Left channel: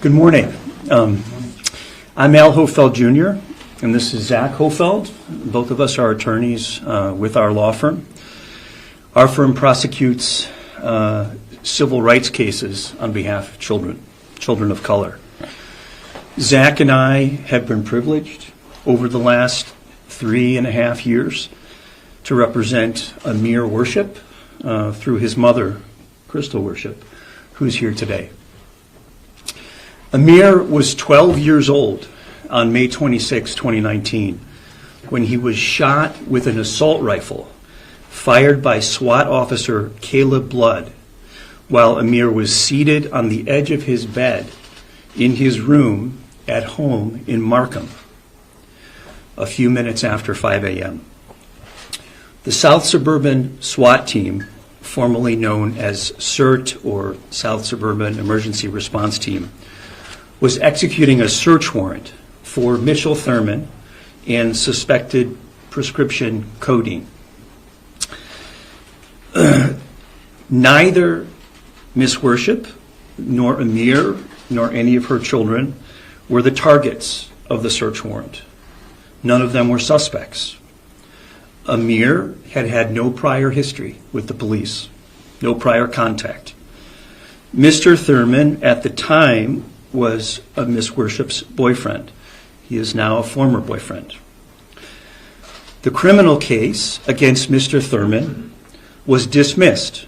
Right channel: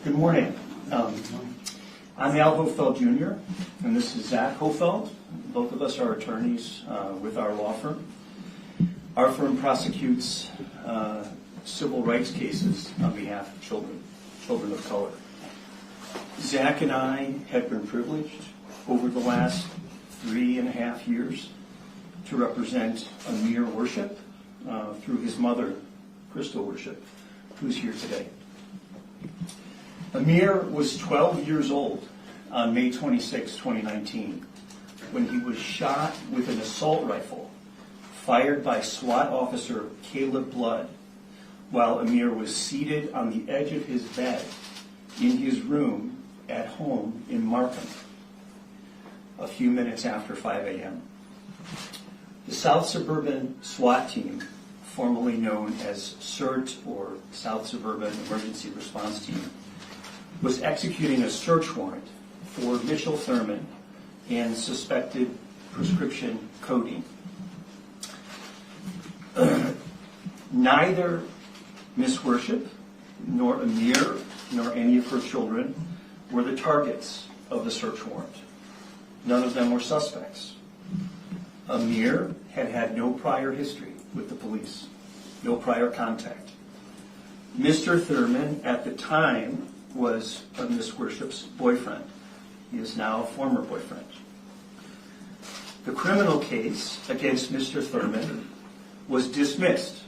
Good morning. I'm Al Hofeld Jr., and this is Zach Hofeld. Both of us are attorneys with our law firm. Our firm prosecutes civil rights cases on behalf of children of color. Zach and I have been privileged over the last 3.5 years to represent Amir Worship through his mother, Crystal Worship, who's here today. Amir was 12 years old on May 26, 2019, when he was shot with an assault rifle fired by SWAT officer Caleb Blood while Amir was seated on the edge of his bed in his room at home in Markham a few minutes after 5 a.m. The South Suburban SWAT team, formerly known as SIRT or South Suburban Emergency Response Team, was executing a search warrant for Mitchell Thurman and suspected prescription codeine. Neither Miss Worship nor Amir nor any of her children were the targets of the search warrant. None of them were suspects. Amir had had no prior history with the police, no prior contact. Mr. Thurman at the time was Miss Worship's boyfriend. He is now a former boyfriend. The criminal case against Mr. Thurman was dismissed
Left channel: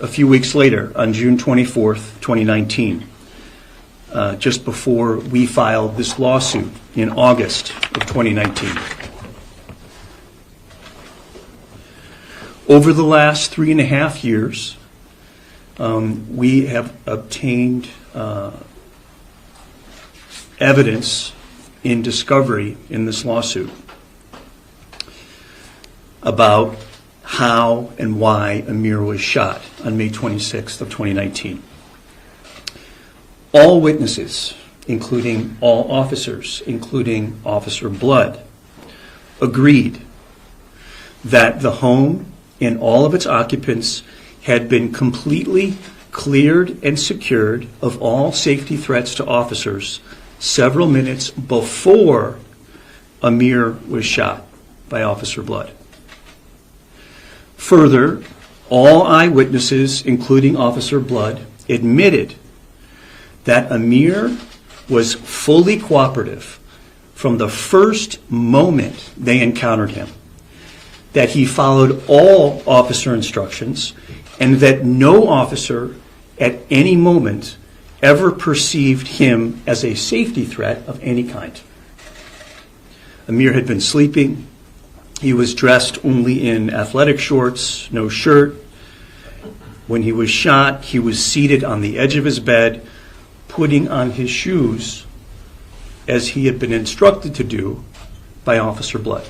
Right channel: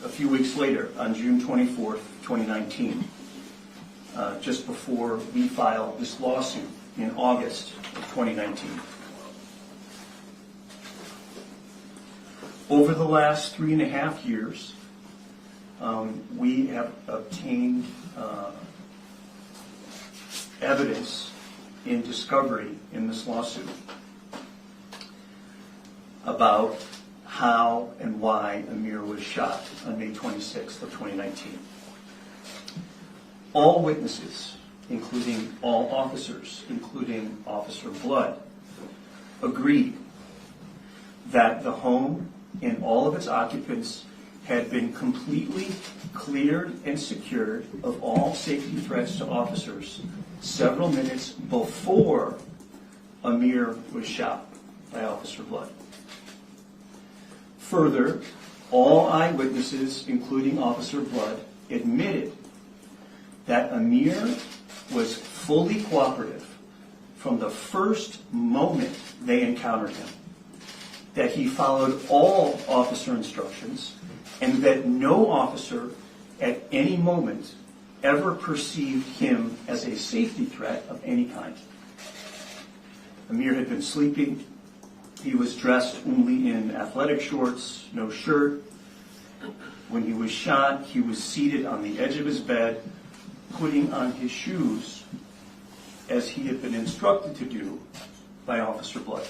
a few weeks later on June 24th, 2019, just before we filed this lawsuit in August of 2019. Over the last 3.5 years, we have obtained evidence in discovery in this lawsuit about how and why Amir was shot on May 26th of 2019. All witnesses, including all officers, including Officer Blood, agreed that the home and all of its occupants had been completely cleared and secured of all safety threats to officers several minutes before Amir was shot by Officer Blood. Further, all eyewitnesses, including Officer Blood, admitted that Amir was fully cooperative from the first moment they encountered him, that he followed all officer instructions, and that no officer at any moment ever perceived him as a safety threat of any kind. Amir had been sleeping. He was dressed only in athletic shorts, no shirt. When he was shot, he was seated on the edge of his bed, putting on his shoes as he had been instructed to do by Officer Blood.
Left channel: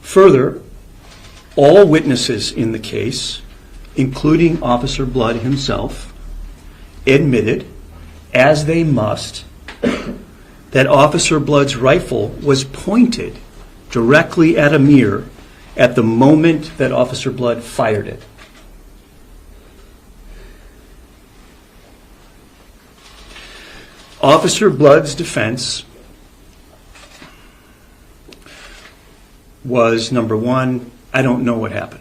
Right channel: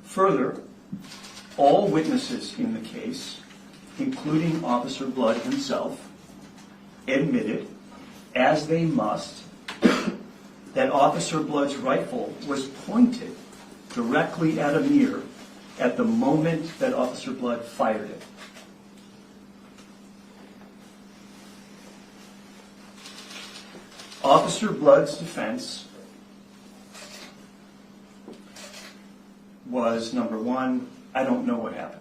Further, all witnesses in the case, including Officer Blood himself, admitted, as they must, that Officer Blood's rifle was pointed directly at Amir at the moment that Officer Blood fired it. Officer Blood's defense was, number one, I don't know what happened.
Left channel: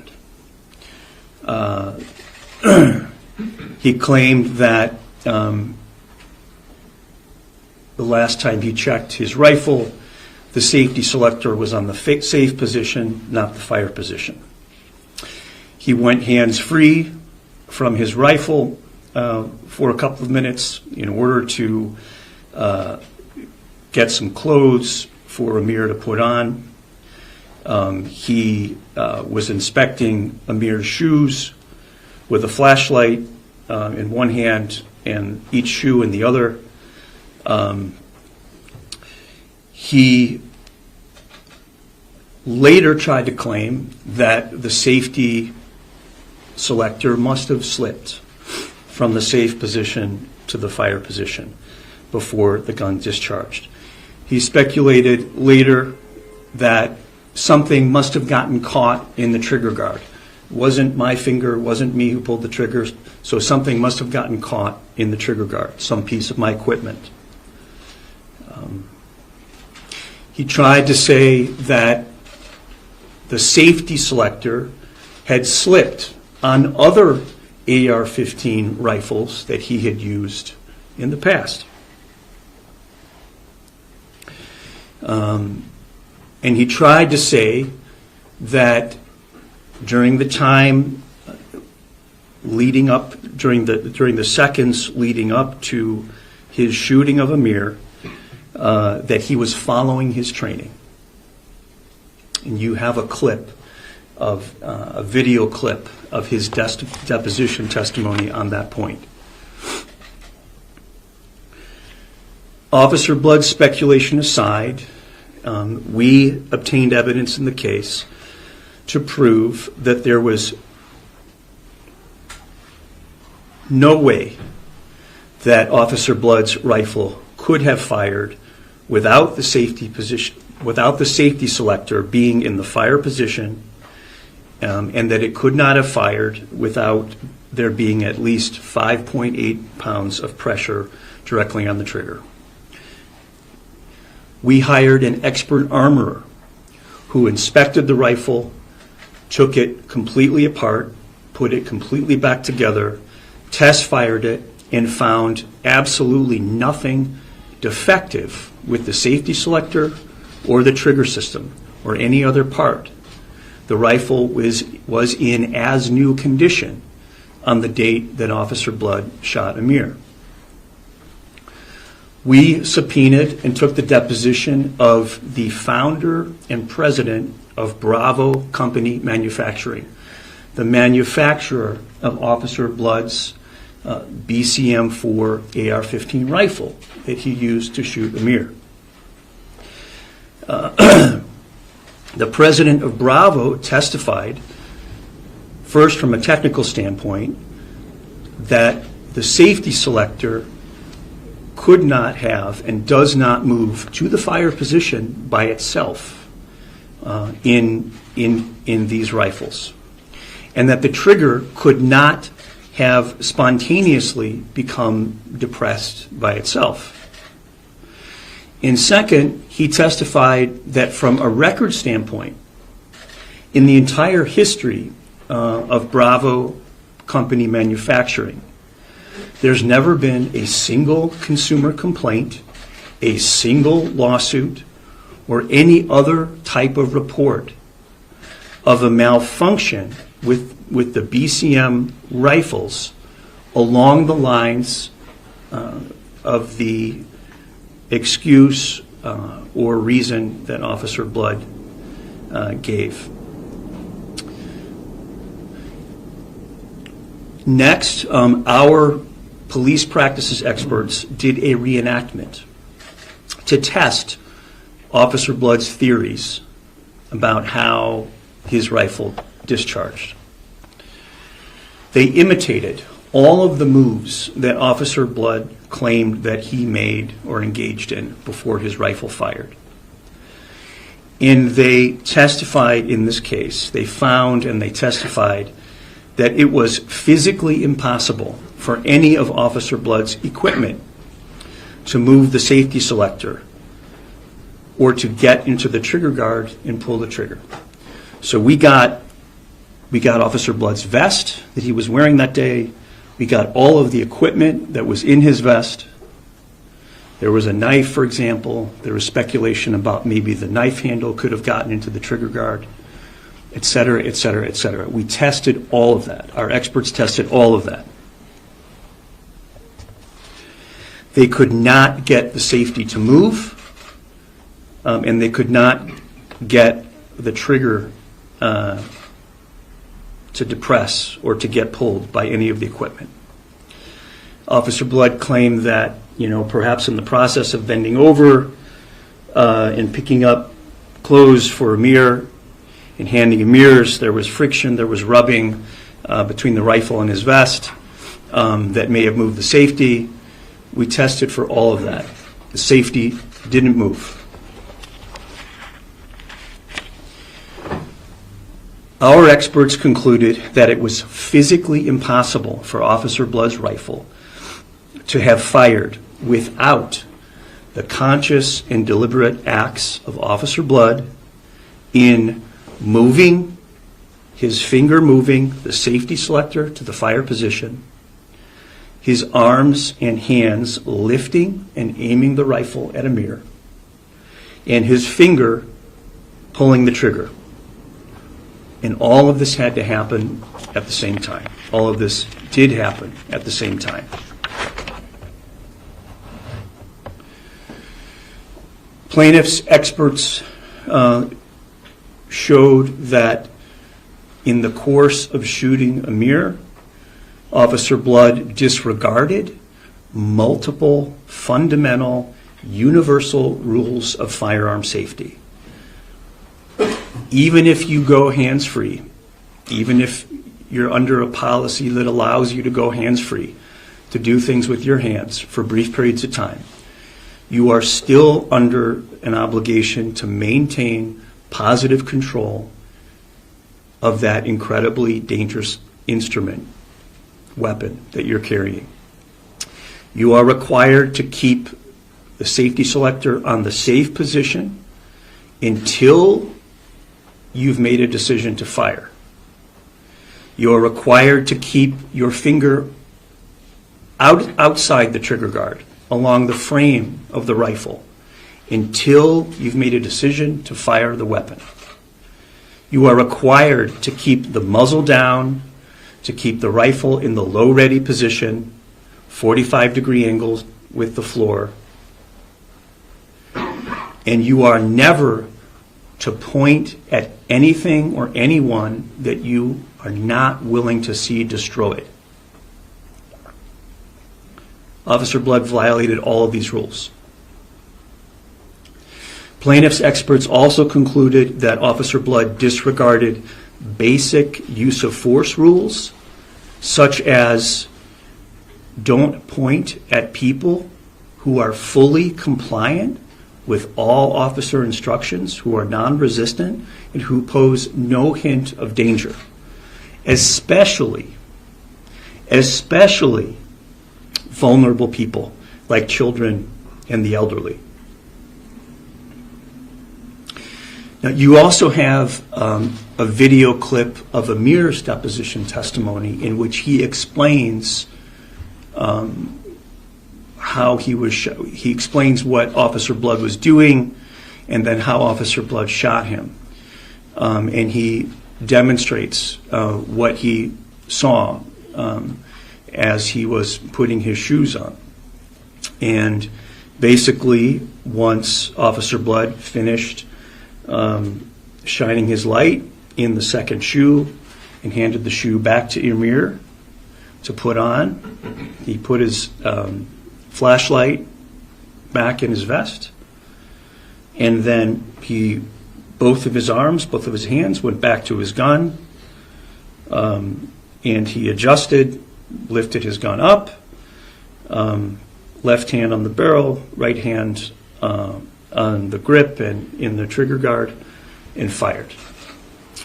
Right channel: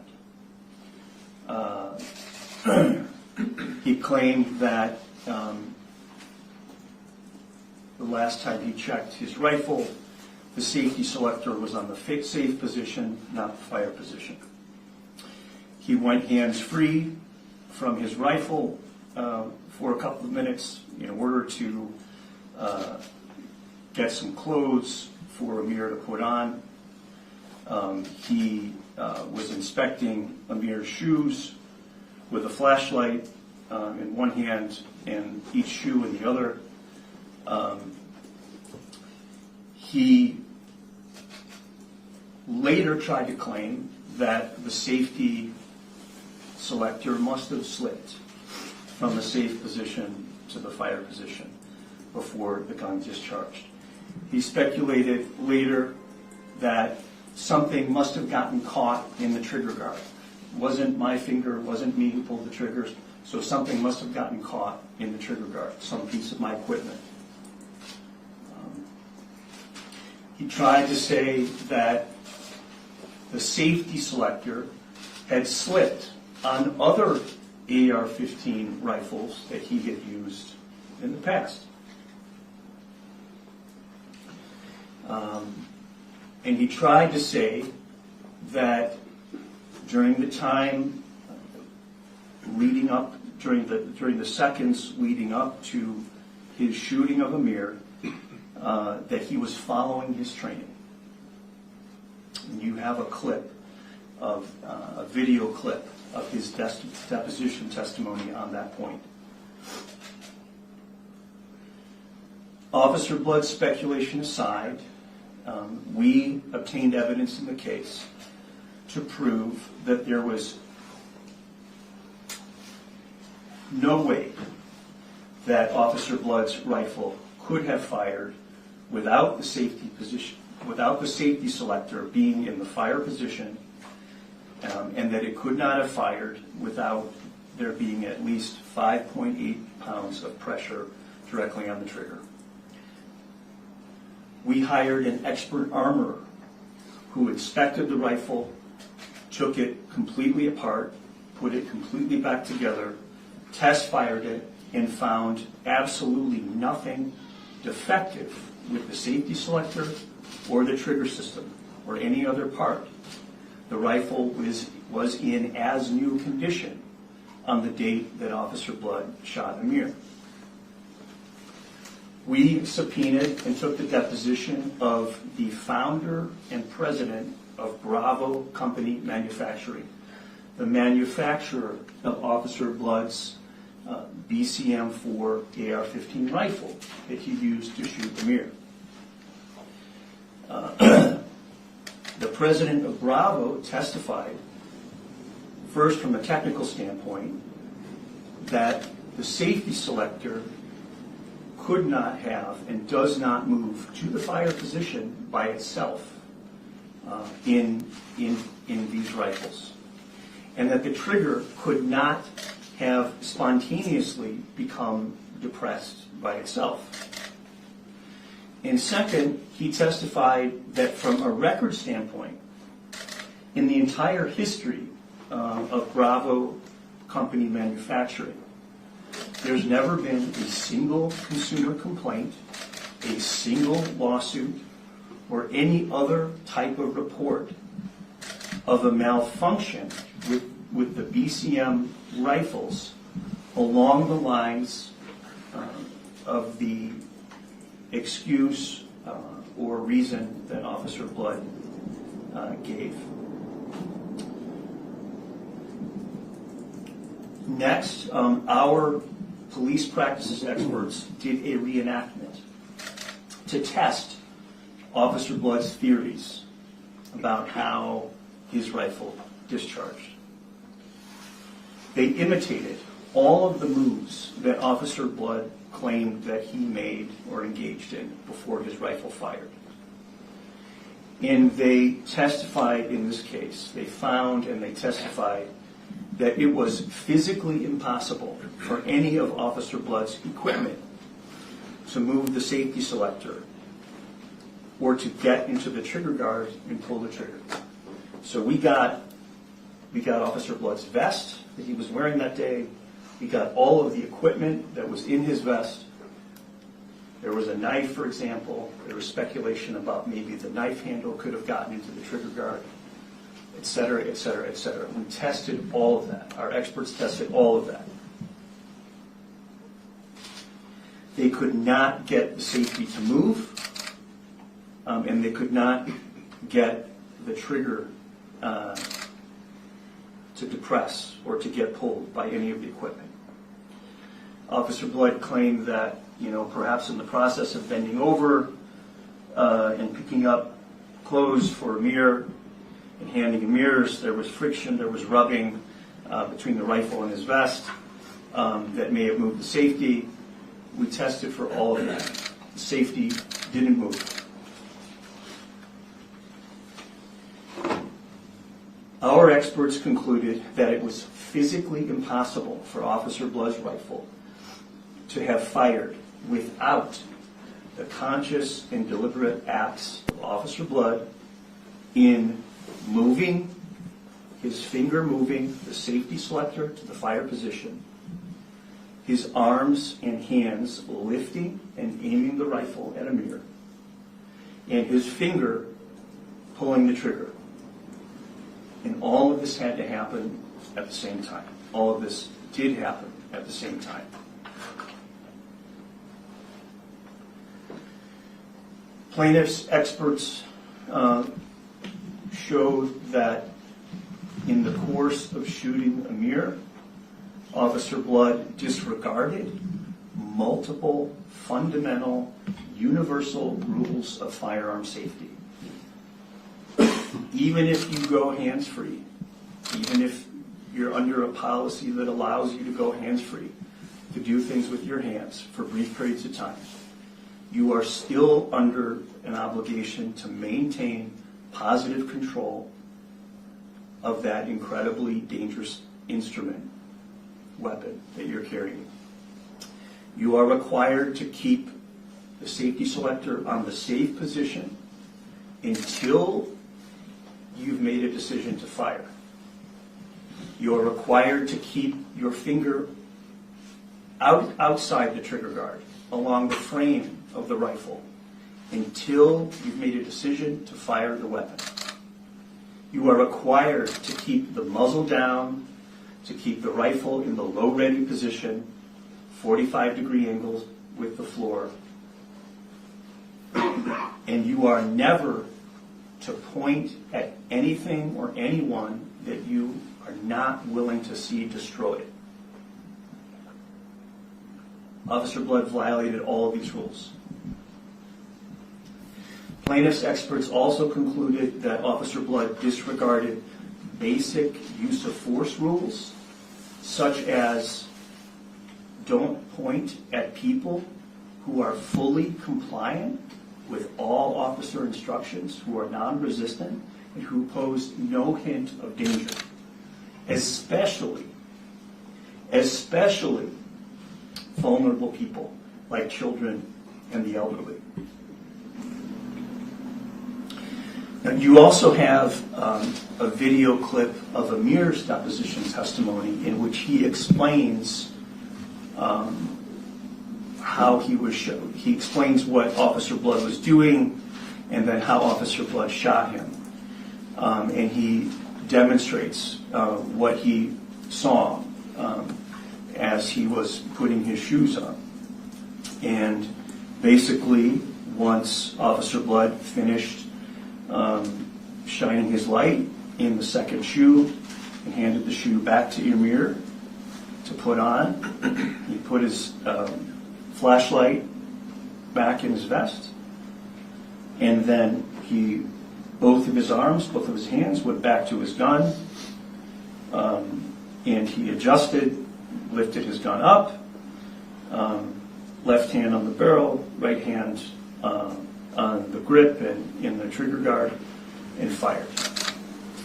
He claimed that the last time he checked his rifle, the safety selector was on the safe position, not the fire position. He went hands-free from his rifle for a couple of minutes in order to get some clothes for Amir to put on. He was inspecting Amir's shoes with a flashlight in one hand and each shoe in the other. He later tried to claim that the safety selector must have slipped from the safe position to the fire position before the gun discharged. He speculated later that something must have gotten caught in the trigger guard wasn't my finger, wasn't me who pulled the trigger, so something must have gotten caught in the trigger guard, some piece of my equipment. He tried to say that the safety selector had slipped on other AR-15 rifles that he had used in the past. And he tried to say that during the time leading up, during the seconds leading up to his shooting of Amir, that he was following his training. And you have a clip of a video clip of his deposition testimony on that point. Officer Blood's speculation aside, we obtained evidence in the case to prove that there was no way that Officer Blood's rifle could have fired without the safety position, without the safety selector being in the fire position, and that it could not have fired without there being at least 5.8 pounds of pressure directly on the trigger. We hired an expert armorer who inspected the rifle, took it completely apart, put it completely back together, test fired it, and found absolutely nothing defective with the safety selector or the trigger system or any other part. The rifle was in as new condition on the date that Officer Blood shot Amir. We subpoenaed and took the deposition of the founder and president of Bravo Company Manufacturing, the manufacturer of Officer Blood's BCM-4 AR-15 rifle that he used to shoot Amir. The president of Bravo testified, first from a technical standpoint, that the safety selector could not have and does not move to the fire position by itself in these rifles, and that the trigger could not have spontaneously become depressed by itself. And second, he testified that from a record standpoint, in the entire history of Bravo Company Manufacturing, there's never been a single consumer complaint, a single lawsuit, or any other type of report of a malfunction with the BCM rifles along the lines of the excuse or reason that Officer Blood gave. Next, our police practices experts did a reenactment to test Officer Blood's theories about how his rifle discharged. They imitated all of the moves that Officer Blood claimed that he made or engaged in before his rifle fired. And they testified in this case, they found and they testified that it was physically impossible for any of Officer Blood's equipment to move the safety selector or to get into the trigger guard and pull the trigger. So we got Officer Blood's vest that he was wearing that day. We got all of the equipment that was in his vest. There was a knife, for example. There was speculation about maybe the knife handle could have gotten into the trigger guard, et cetera, et cetera, et cetera. We tested all of that. Our experts tested all of that. They could not get the safety to move, and they could not get the trigger to depress or to get pulled by any of the equipment. Officer Blood claimed that, perhaps in the process of bending over and picking up clothes for Amir and handing Amir's, there was friction, there was rubbing between the rifle and his vest that may have moved the safety. We tested for all of that. The safety didn't move. Our experts concluded that it was physically impossible for Officer Blood's rifle to have fired without the conscious and deliberate acts of Officer Blood in moving, his finger moving the safety selector to the fire position, his arms and hands lifting and aiming the rifle at Amir, and his finger pulling the trigger. And all of this had to happen at the same time. All of this did happen at the same time. Plaintiffs' experts showed that in the course of shooting Amir, Officer Blood disregarded multiple fundamental universal rules of firearm safety. Even if you go hands-free, even if you're under a policy that allows you to go hands-free, to do things with your hands for brief periods of time, you are still under an obligation to maintain positive control of that incredibly dangerous instrument, weapon that you're carrying. You are required to keep the safety selector on the safe position until you've made a decision to fire. You are required to keep your finger outside the trigger guard along the frame of the rifle until you've made a decision to fire the weapon. You are required to keep the muzzle down, to keep the rifle in the low ready position, 45-degree angles with the floor. And you are never to point at anything or anyone that you are not willing to see destroyed. Officer Blood violated all of these rules. Plaintiffs' experts also concluded that Officer Blood disregarded basic use of force rules, such as don't point at people who are fully compliant with all officer instructions, who are non-resistant, and who pose no hint of danger, especially vulnerable people like children and the elderly. Now, you also have a video clip of Amir's deposition testimony in which he explains how he explains what Officer Blood was doing and then how Officer Blood shot him. And he demonstrates what he saw as he was putting his shoes on. And basically, once Officer Blood finished shining his light in the second shoe and handed the shoe back to Amir to put on, he put his flashlight back in his vest, and then both of his arms, both of his hands went back to his gun, and he adjusted, lifted his gun up, left hand on the barrel, right hand on the grip and in the trigger guard, and fired.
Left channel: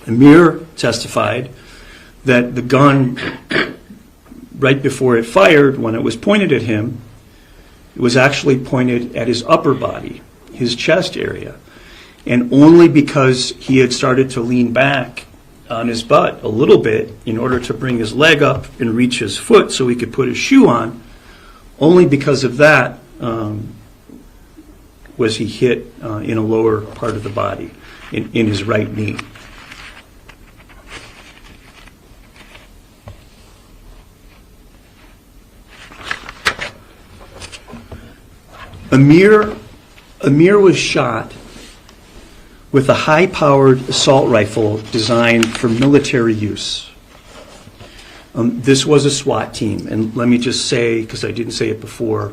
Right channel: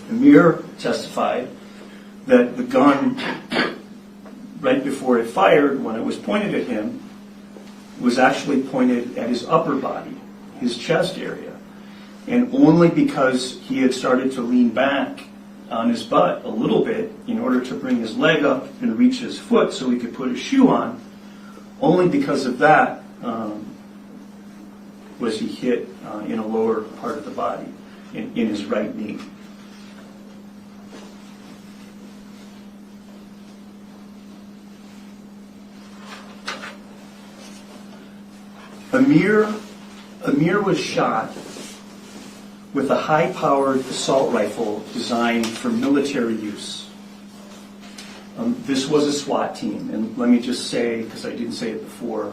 Amir testified that the gun, right before it fired, when it was pointed at him, it was actually pointed at his upper body, his chest area. And only because he had started to lean back on his butt a little bit in order to bring his leg up and reach his foot so he could put his shoe on, only because of that was he hit in a lower part of the body, in his right knee. Amir was shot with a high-powered assault rifle designed for military use. This was a SWAT team, and let me just say, because I didn't say it before,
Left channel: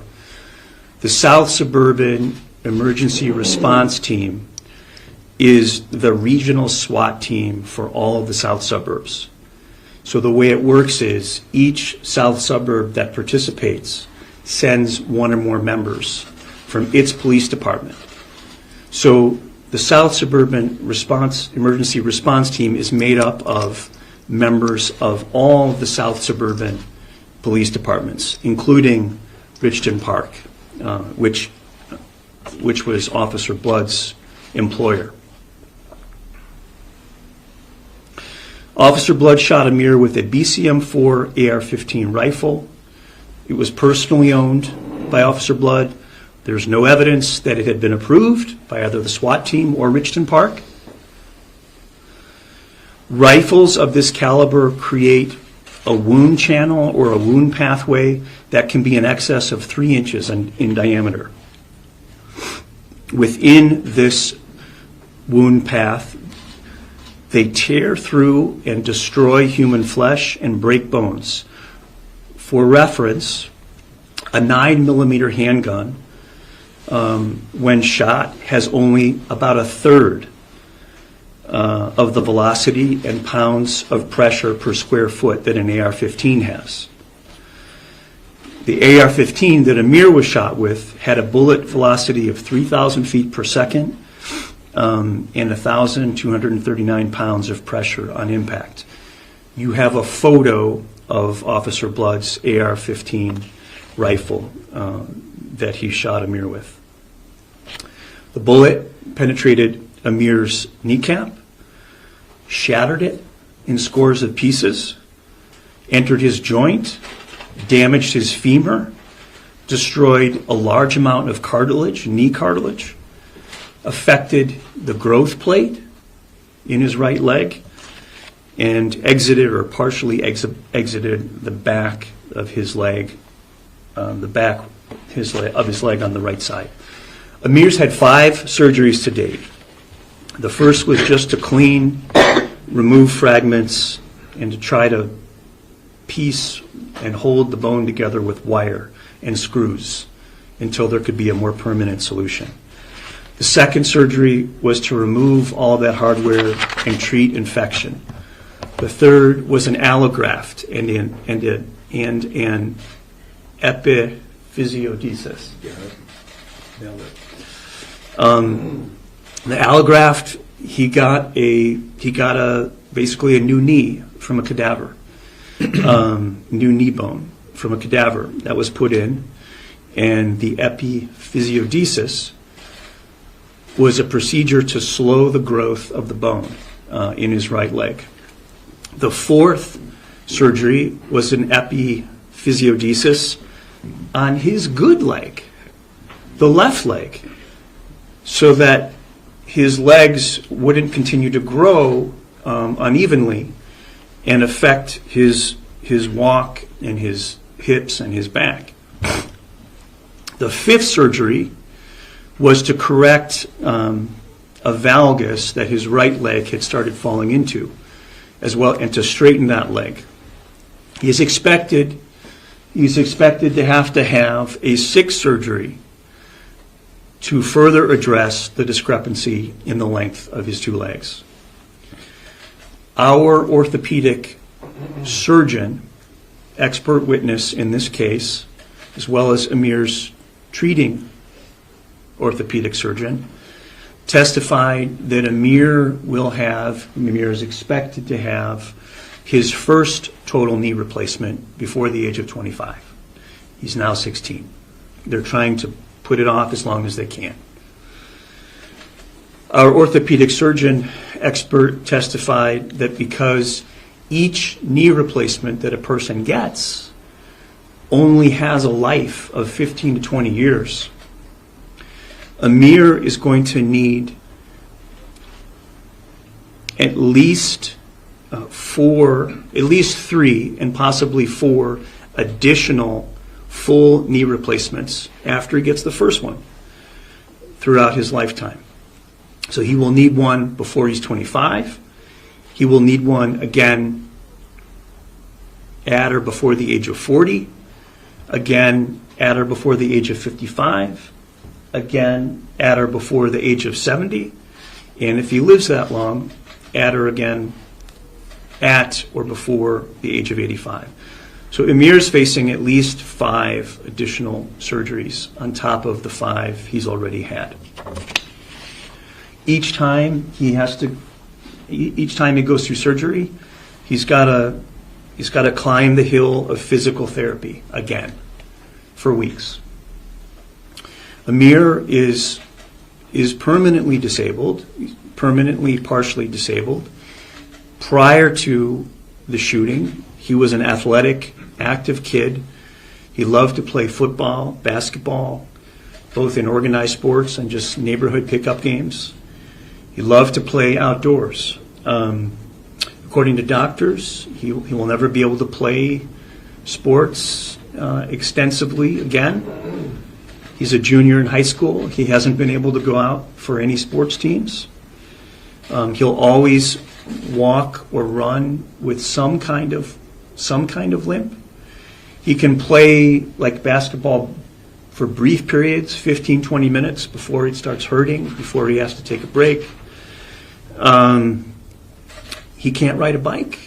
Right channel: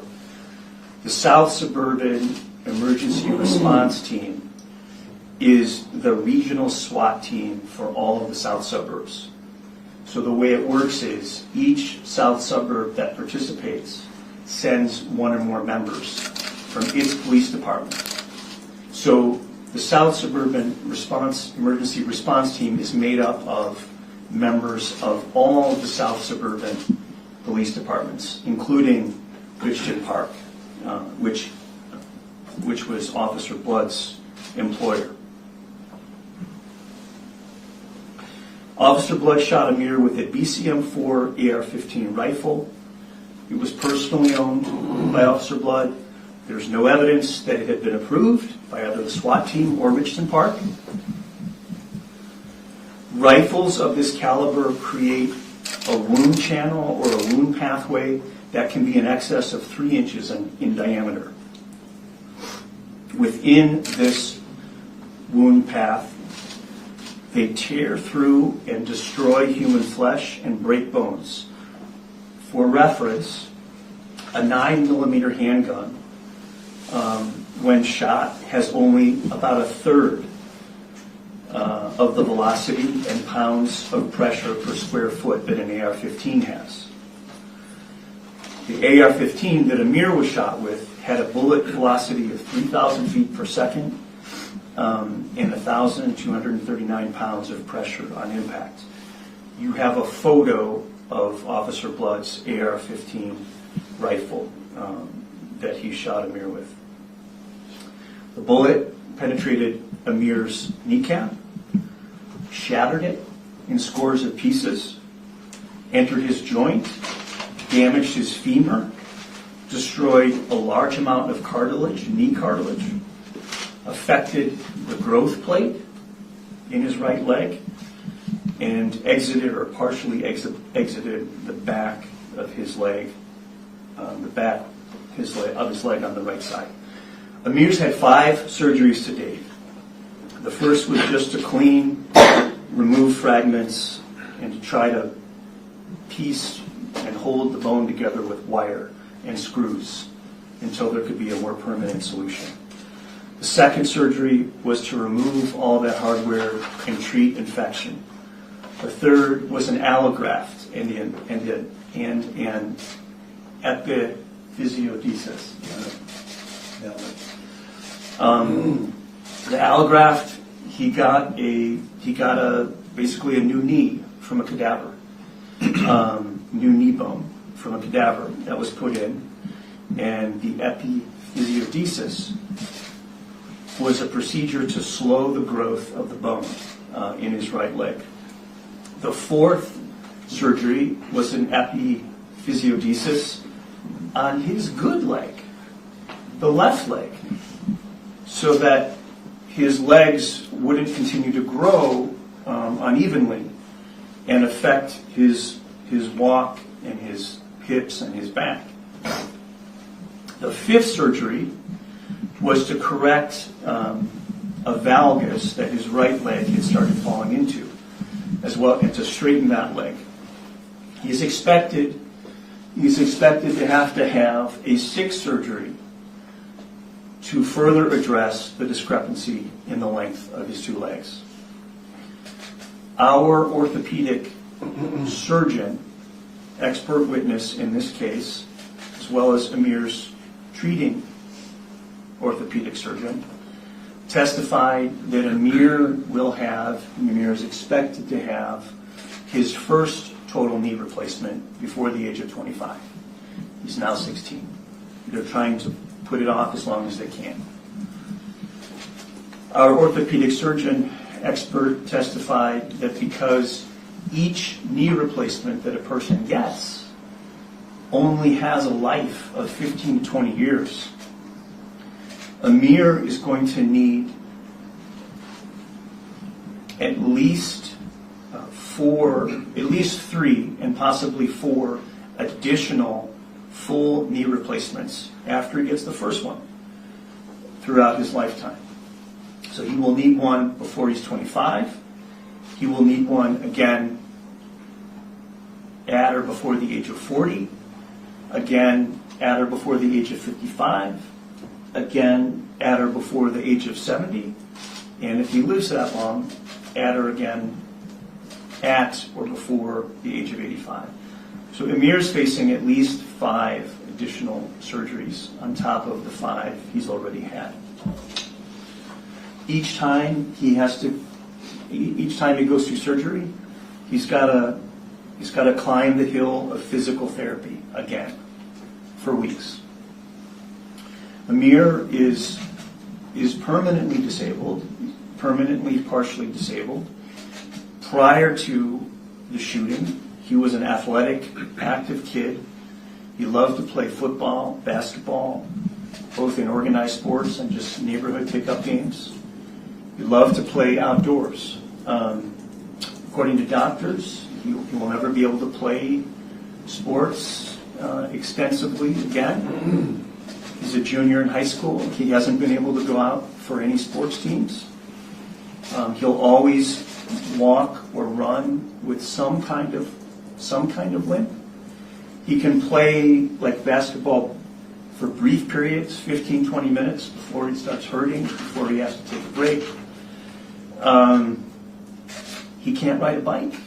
the South Suburban Emergency Response Team is the regional SWAT team for all of the South Suburbs. So the way it works is each South Suburb that participates sends one or more members from its police department. So The South Suburban Emergency Response Team is made up of members of all the South Suburban police departments, including Richton Park, which was Officer Blood's employer. Officer Blood shot Amir with a BCM-4 AR-15 rifle. It was personally owned by Officer Blood. There's no evidence that it had been approved by either the SWAT team or Richton Park. Rifles of this caliber create a wound channel or a wound pathway that can be in excess of 3 inches in diameter. Within this wound path, they tear through and destroy human flesh and break bones. For reference, a 9mm handgun, when shot, has only about a third of the velocity and pounds of pressure per square foot that an AR-15 has. The AR-15 that Amir was shot with had a bullet velocity of 3,000 feet per second and 1,239 pounds of pressure on impact. You have a photo of Officer Blood's AR-15 rifle that he shot Amir with. The bullet penetrated Amir's kneecap, shattered it in scores of pieces, entered his joint, damaged his femur, destroyed a large amount of cartilage, knee cartilage, affected the growth plate in his right leg, and exited or partially exited the back of his leg, of his leg on the right side. Amir's had 5 surgeries to date. The first was just to clean, remove fragments, and to try to piece and hold the bone together with wire and screws until there could be a more permanent solution. The second surgery was to remove all that hardware and treat infection. The third was an allograft and an epiphysiodesis. The allograft, he got basically a new knee from a cadaver, new knee bone from a cadaver that was put in, and the epiphysiodesis was a procedure to slow the growth of the bone in his right leg. The fourth surgery was an epiphysiodesis on his good leg, the left leg, so that his legs wouldn't continue to grow unevenly and affect his walk and his hips and his back. The fifth surgery was to correct a valgus that his right leg had started falling into, as well, and to straighten that leg. He's expected to have a sixth surgery to further address the discrepancy in the length of his 2 legs. Our orthopedic surgeon, expert witness in this case, as well as Amir's treating orthopedic surgeon, testified that Amir is expected to have his first total knee replacement before the age of 25. He's now 16. They're trying to put it off as long as they can. Our orthopedic surgeon expert testified that because each knee replacement that a person gets only has a life of 15 to 20 years, Amir is going to need at least 3 and possibly 4 additional full knee replacements after he gets the first one throughout his lifetime. So he will need one before he's 25. He will need one again at or before the age of 40, again at or before the age of 55, again at or before the age of 70, and if he lives that long, at or again at or before the age of 85. So Amir's facing at least 5 additional surgeries on top of the 5 he's already had. each time he goes through surgery, he's got to climb the hill of physical therapy again for weeks. Amir is permanently disabled, permanently partially disabled. Prior to the shooting, he was an athletic, active kid. He loved to play football, basketball, both in organized sports and just neighborhood pickup games. He loved to play outdoors. According to doctors, he will never be able to play sports extensively again. He's a junior in high school. He hasn't been able to go out for any sports teams. He'll always walk or run with some kind of limp. He can play like basketball for brief periods, 15, 20 minutes before it starts hurting, before he has to take a break. He can't ride a bike.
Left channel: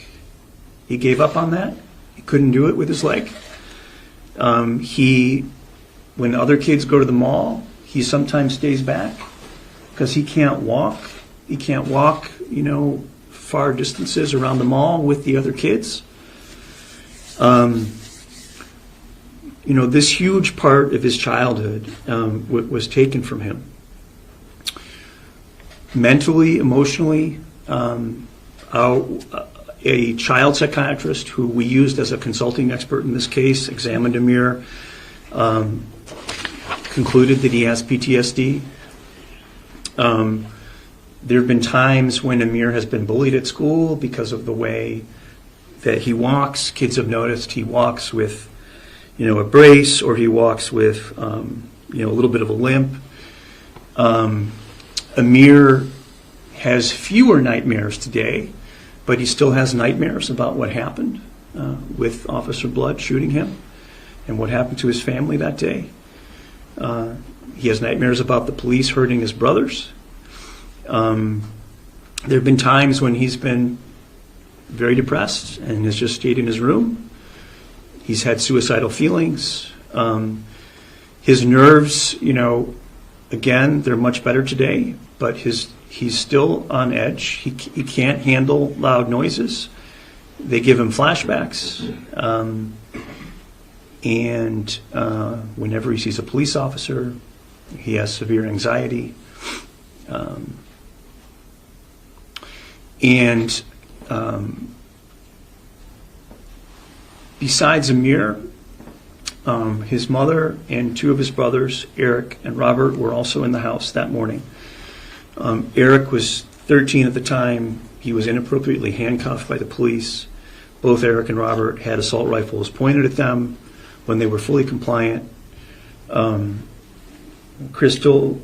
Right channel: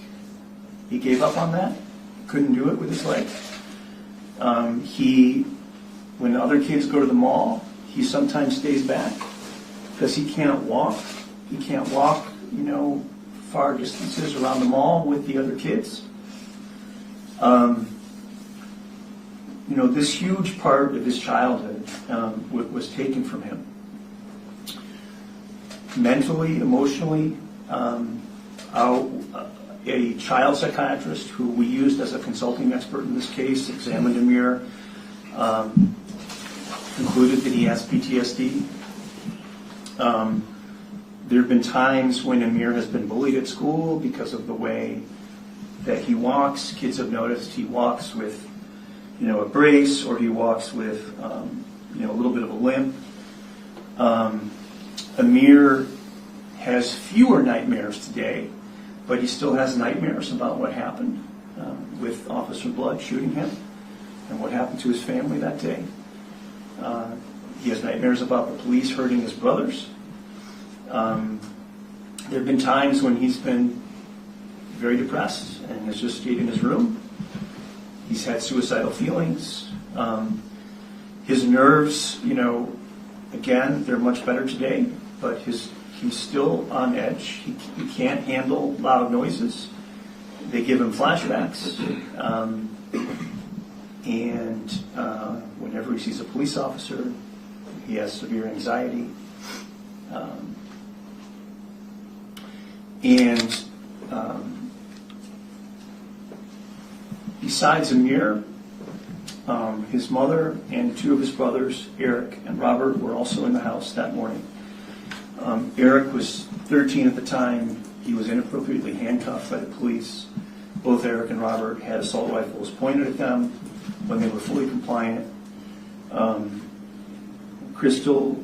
He gave up on that. He couldn't do it with his leg. When other kids go to the mall, he sometimes stays back because he can't walk. He can't walk, far distances around the mall with the other kids. This huge part of his childhood was taken from him. Mentally, emotionally, a child psychiatrist who we used as a consulting expert in this case examined Amir, concluded that he has PTSD. There have been times when Amir has been bullied at school because of the way that he walks. Kids have noticed he walks with, a brace, or he walks with, a little bit of a limp. Amir has fewer nightmares today, but he still has nightmares about what happened with Officer Blood shooting him and what happened to his family that day. He has nightmares about the police hurting his brothers. There have been times when he's been very depressed and has just stayed in his room. He's had suicidal feelings. His nerves, again, they're much better today, but he's still on edge. He can't handle loud noises. They give him flashbacks. And whenever he sees a police officer, he has severe anxiety. Besides Amir, his mother and two of his brothers, Eric and Robert, were also in the house that morning. Eric was 13 at the time. He was inappropriately handcuffed by the police. Both Eric and Robert had assault rifles pointed at them when they were fully compliant. Crystal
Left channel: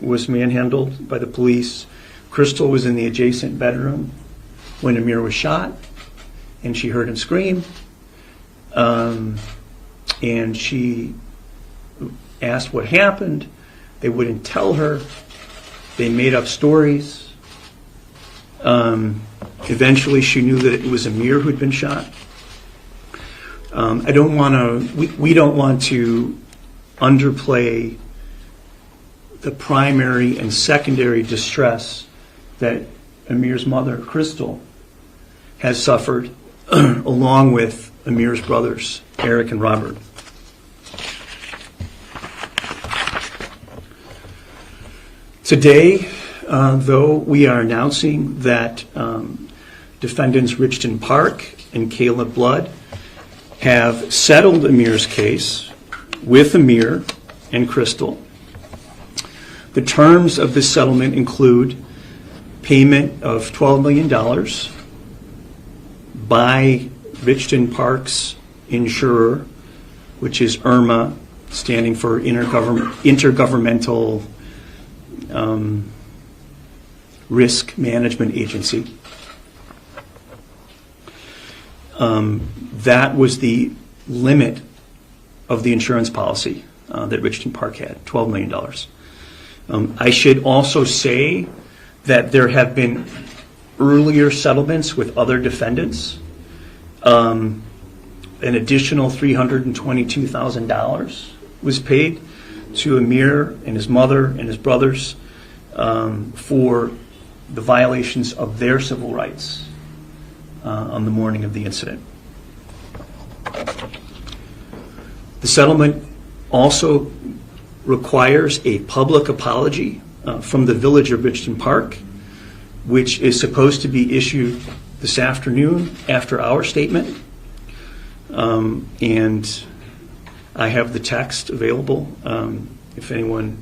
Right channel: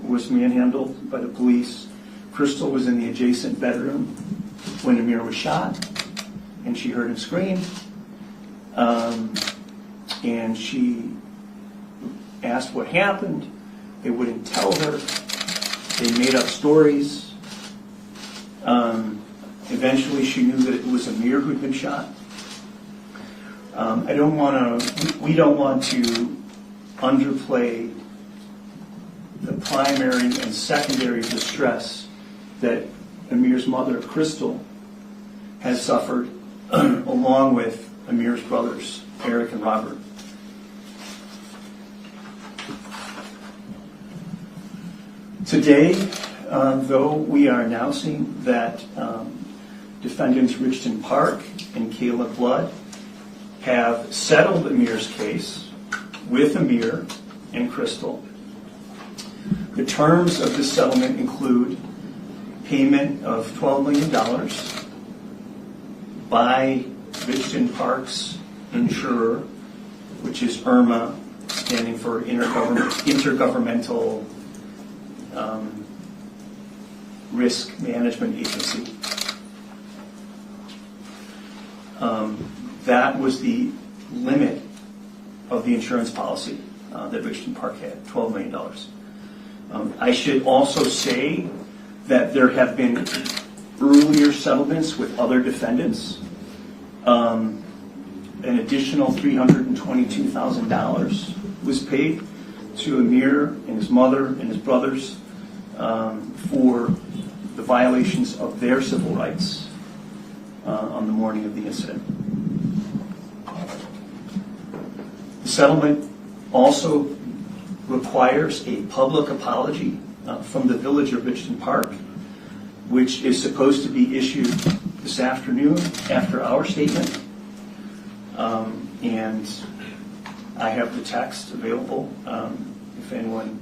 was manhandled by the police. Crystal was in the adjacent bedroom when Amir was shot, and she heard him scream. And she asked what happened. They wouldn't tell her. They made up stories. Eventually, she knew that it was Amir who'd been shot. We don't want to underplay the primary and secondary distress that Amir's mother, Crystal, has suffered, along with Amir's brothers, Eric and Robert. Today, though, we are announcing that defendants Richton Park and Caleb Blood have settled Amir's case with Amir and Crystal. The terms of this settlement include payment of $12 million by Richton Park's insurer, which is IRMA, standing for Intergovernmental Risk Management Agency. That was the limit of the insurance policy that Richton Park had, $12 million. I should also say that there have been earlier settlements with other defendants. An additional $322,000 was paid to Amir and his mother and his brothers for the violations of their civil rights on the morning of the incident. The settlement also requires a public apology from the Village of Richton Park, which is supposed to be issued this afternoon after our statement. And I have the text available if anyone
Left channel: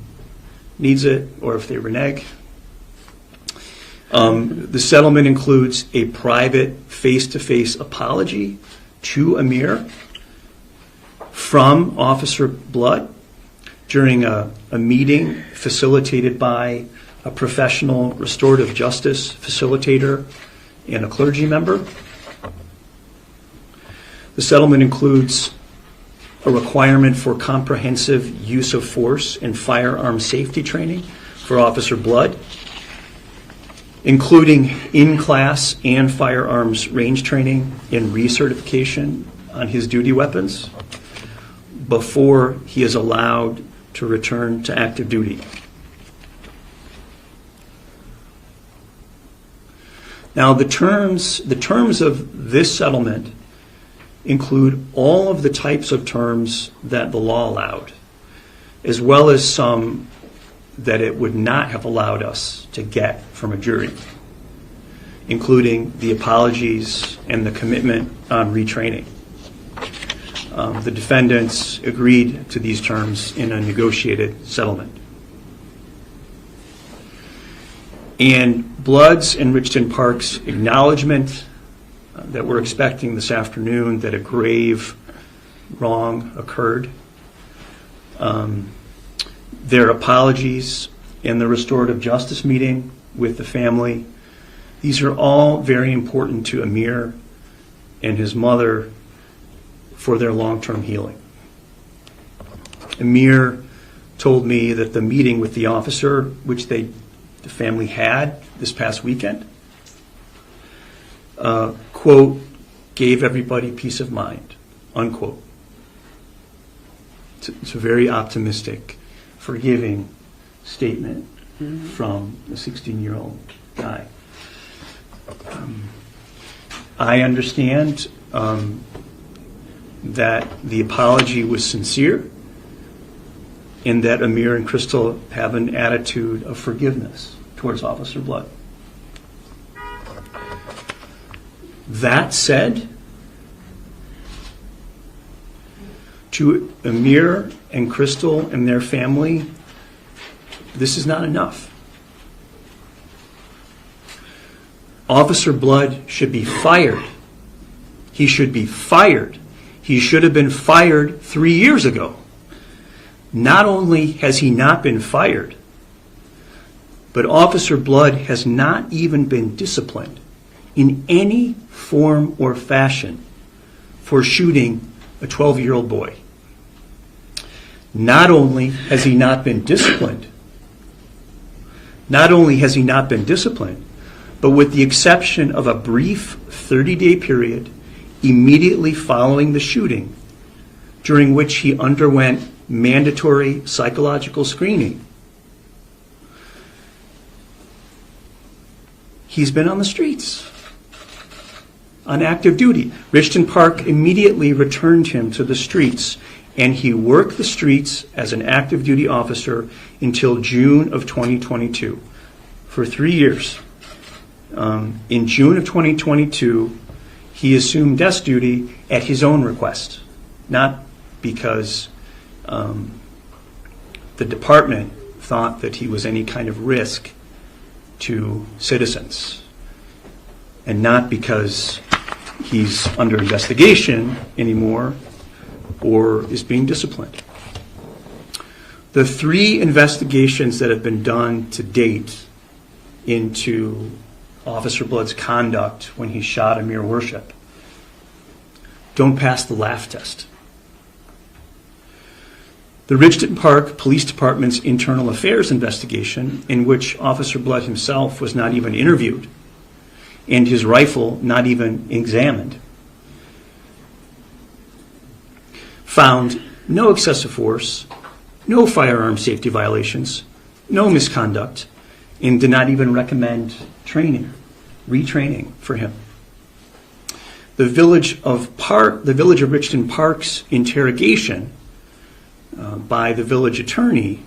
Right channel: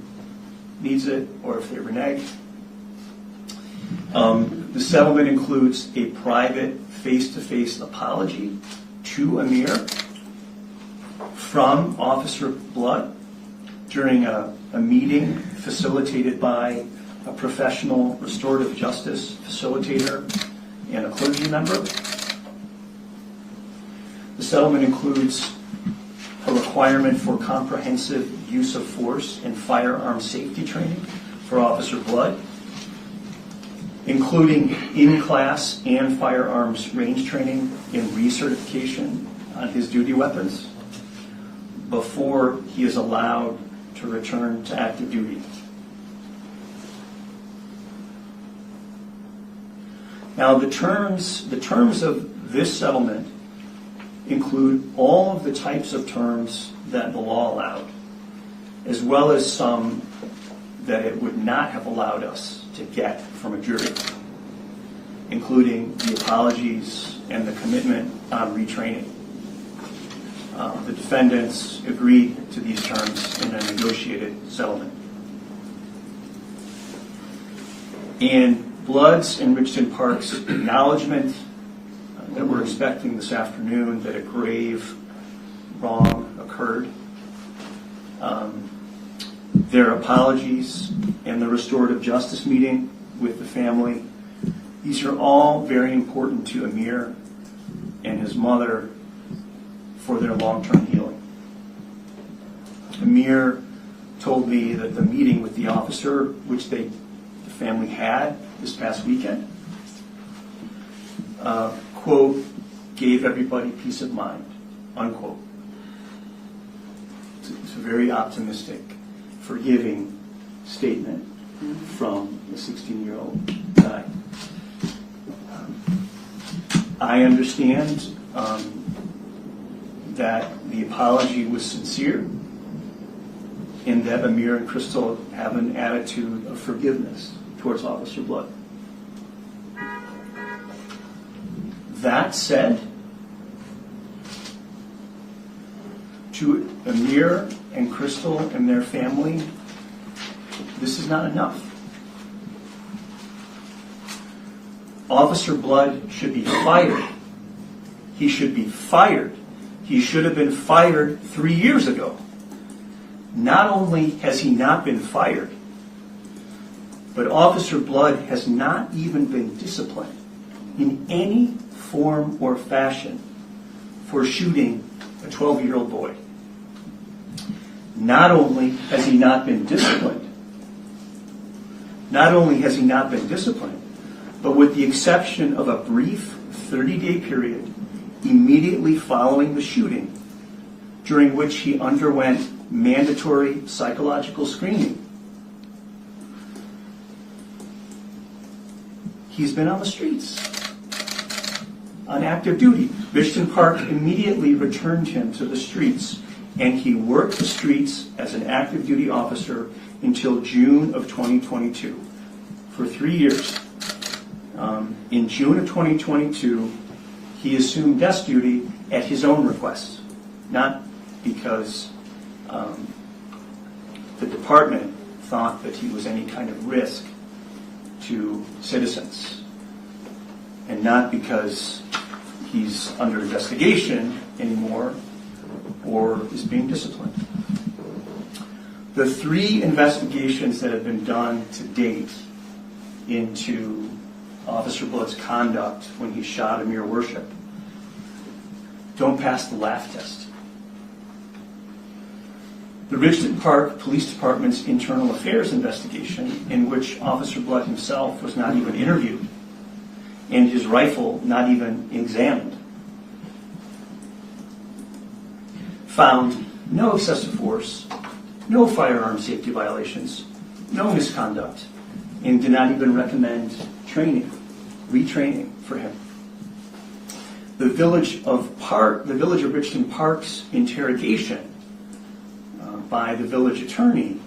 needs it or if they renege. The settlement includes a private face-to-face apology to Amir from Officer Blood during a meeting facilitated by a professional restorative justice facilitator and a clergy member. The settlement includes a requirement for comprehensive use of force and firearm safety training for Officer Blood, including in-class and firearms range training and recertification on his duty weapons before he is allowed to return to active duty. Now, the terms of this settlement include all of the types of terms that the law allowed, as well as some that it would not have allowed us to get from a jury, including the apologies and the commitment on retraining. The defendants agreed to these terms in a negotiated settlement. And Blood's and Richton Park's acknowledgement that we're expecting this afternoon that a grave wrong occurred, their apologies in the restorative justice meeting with the family, these are all very important to Amir and his mother for their long-term healing. Amir told me that the meeting with the officer, which the family had this past weekend, quote, gave everybody peace of mind, unquote. It's a very optimistic, forgiving statement from a 16-year-old guy. I understand that the apology was sincere and that Amir and Crystal have an attitude of forgiveness towards Officer Blood. That said, to Amir and Crystal and their family, this is not enough. Officer Blood should be fired. He should be fired. He should have been fired 3 years ago. Not only has he not been fired, but Officer Blood has not even been disciplined in any form or fashion for shooting a 12-year-old boy. Not only has he not been disciplined, but with the exception of a brief 30-day period immediately following the shooting, during which he underwent mandatory psychological screening, he's been on the streets on active duty. Richton Park immediately returned him to the streets, and he worked the streets as an active duty officer until June of 2022, for 3 years. In June of 2022, he assumed desk duty at his own request, not because the department thought that he was any kind of risk to citizens, and not because he's under investigation anymore or is being disciplined. The 3 investigations that have been done to date into Officer Blood's conduct when he shot Amir Worship don't pass the laugh test. The Richton Park Police Department's internal affairs investigation, in which Officer Blood himself was not even interviewed and his rifle not even examined, found no excessive force, no firearm safety violations, no misconduct, and did not even recommend retraining for him. The Village of Richton Park's interrogation by the village attorney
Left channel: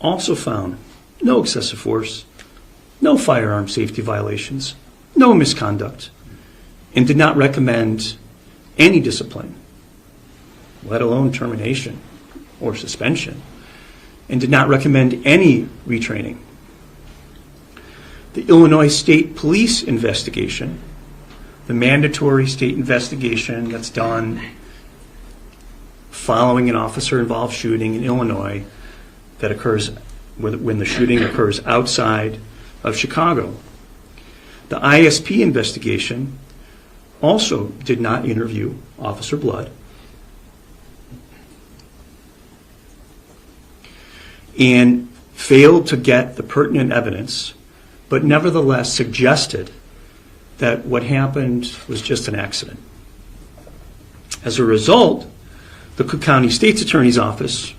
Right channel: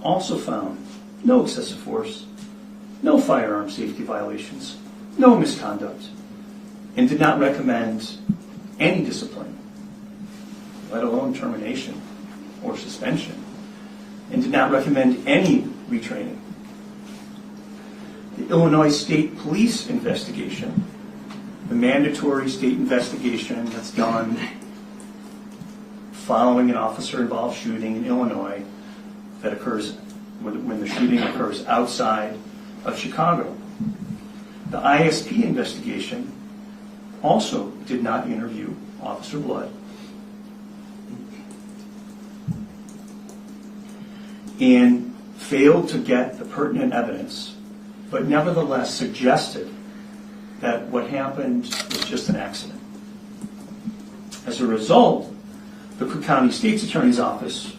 also found no excessive force, no firearm safety violations, no misconduct, and did not recommend any discipline, let alone termination or suspension, and did not recommend any retraining. The Illinois State Police investigation, the mandatory state investigation that's done following an officer-involved shooting in Illinois that occurs when the shooting occurs outside of Chicago. The ISP investigation also did not interview Officer Blood and failed to get the pertinent evidence, but nevertheless suggested that what happened was just an accident. As a result, the Cook County State's Attorney's Office,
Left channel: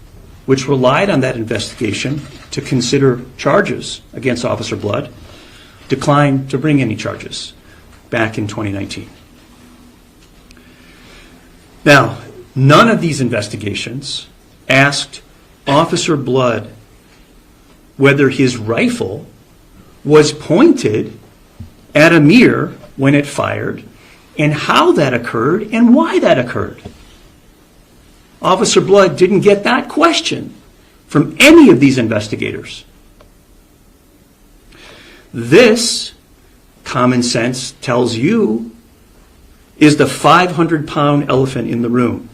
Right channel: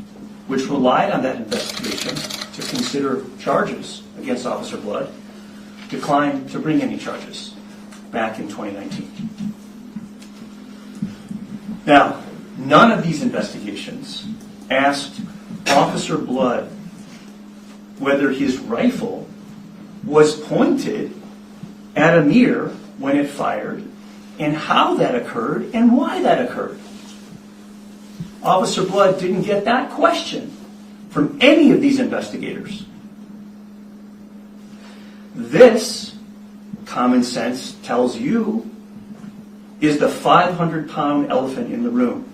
which relied on that investigation to consider charges against Officer Blood, declined to bring any charges back in 2019. Now, none of these investigations asked Officer Blood whether his rifle was pointed at Amir when it fired, and how that occurred and why that occurred. Officer Blood didn't get that question from any of these investigators. This, common sense tells you, is the 500-pound elephant in the room,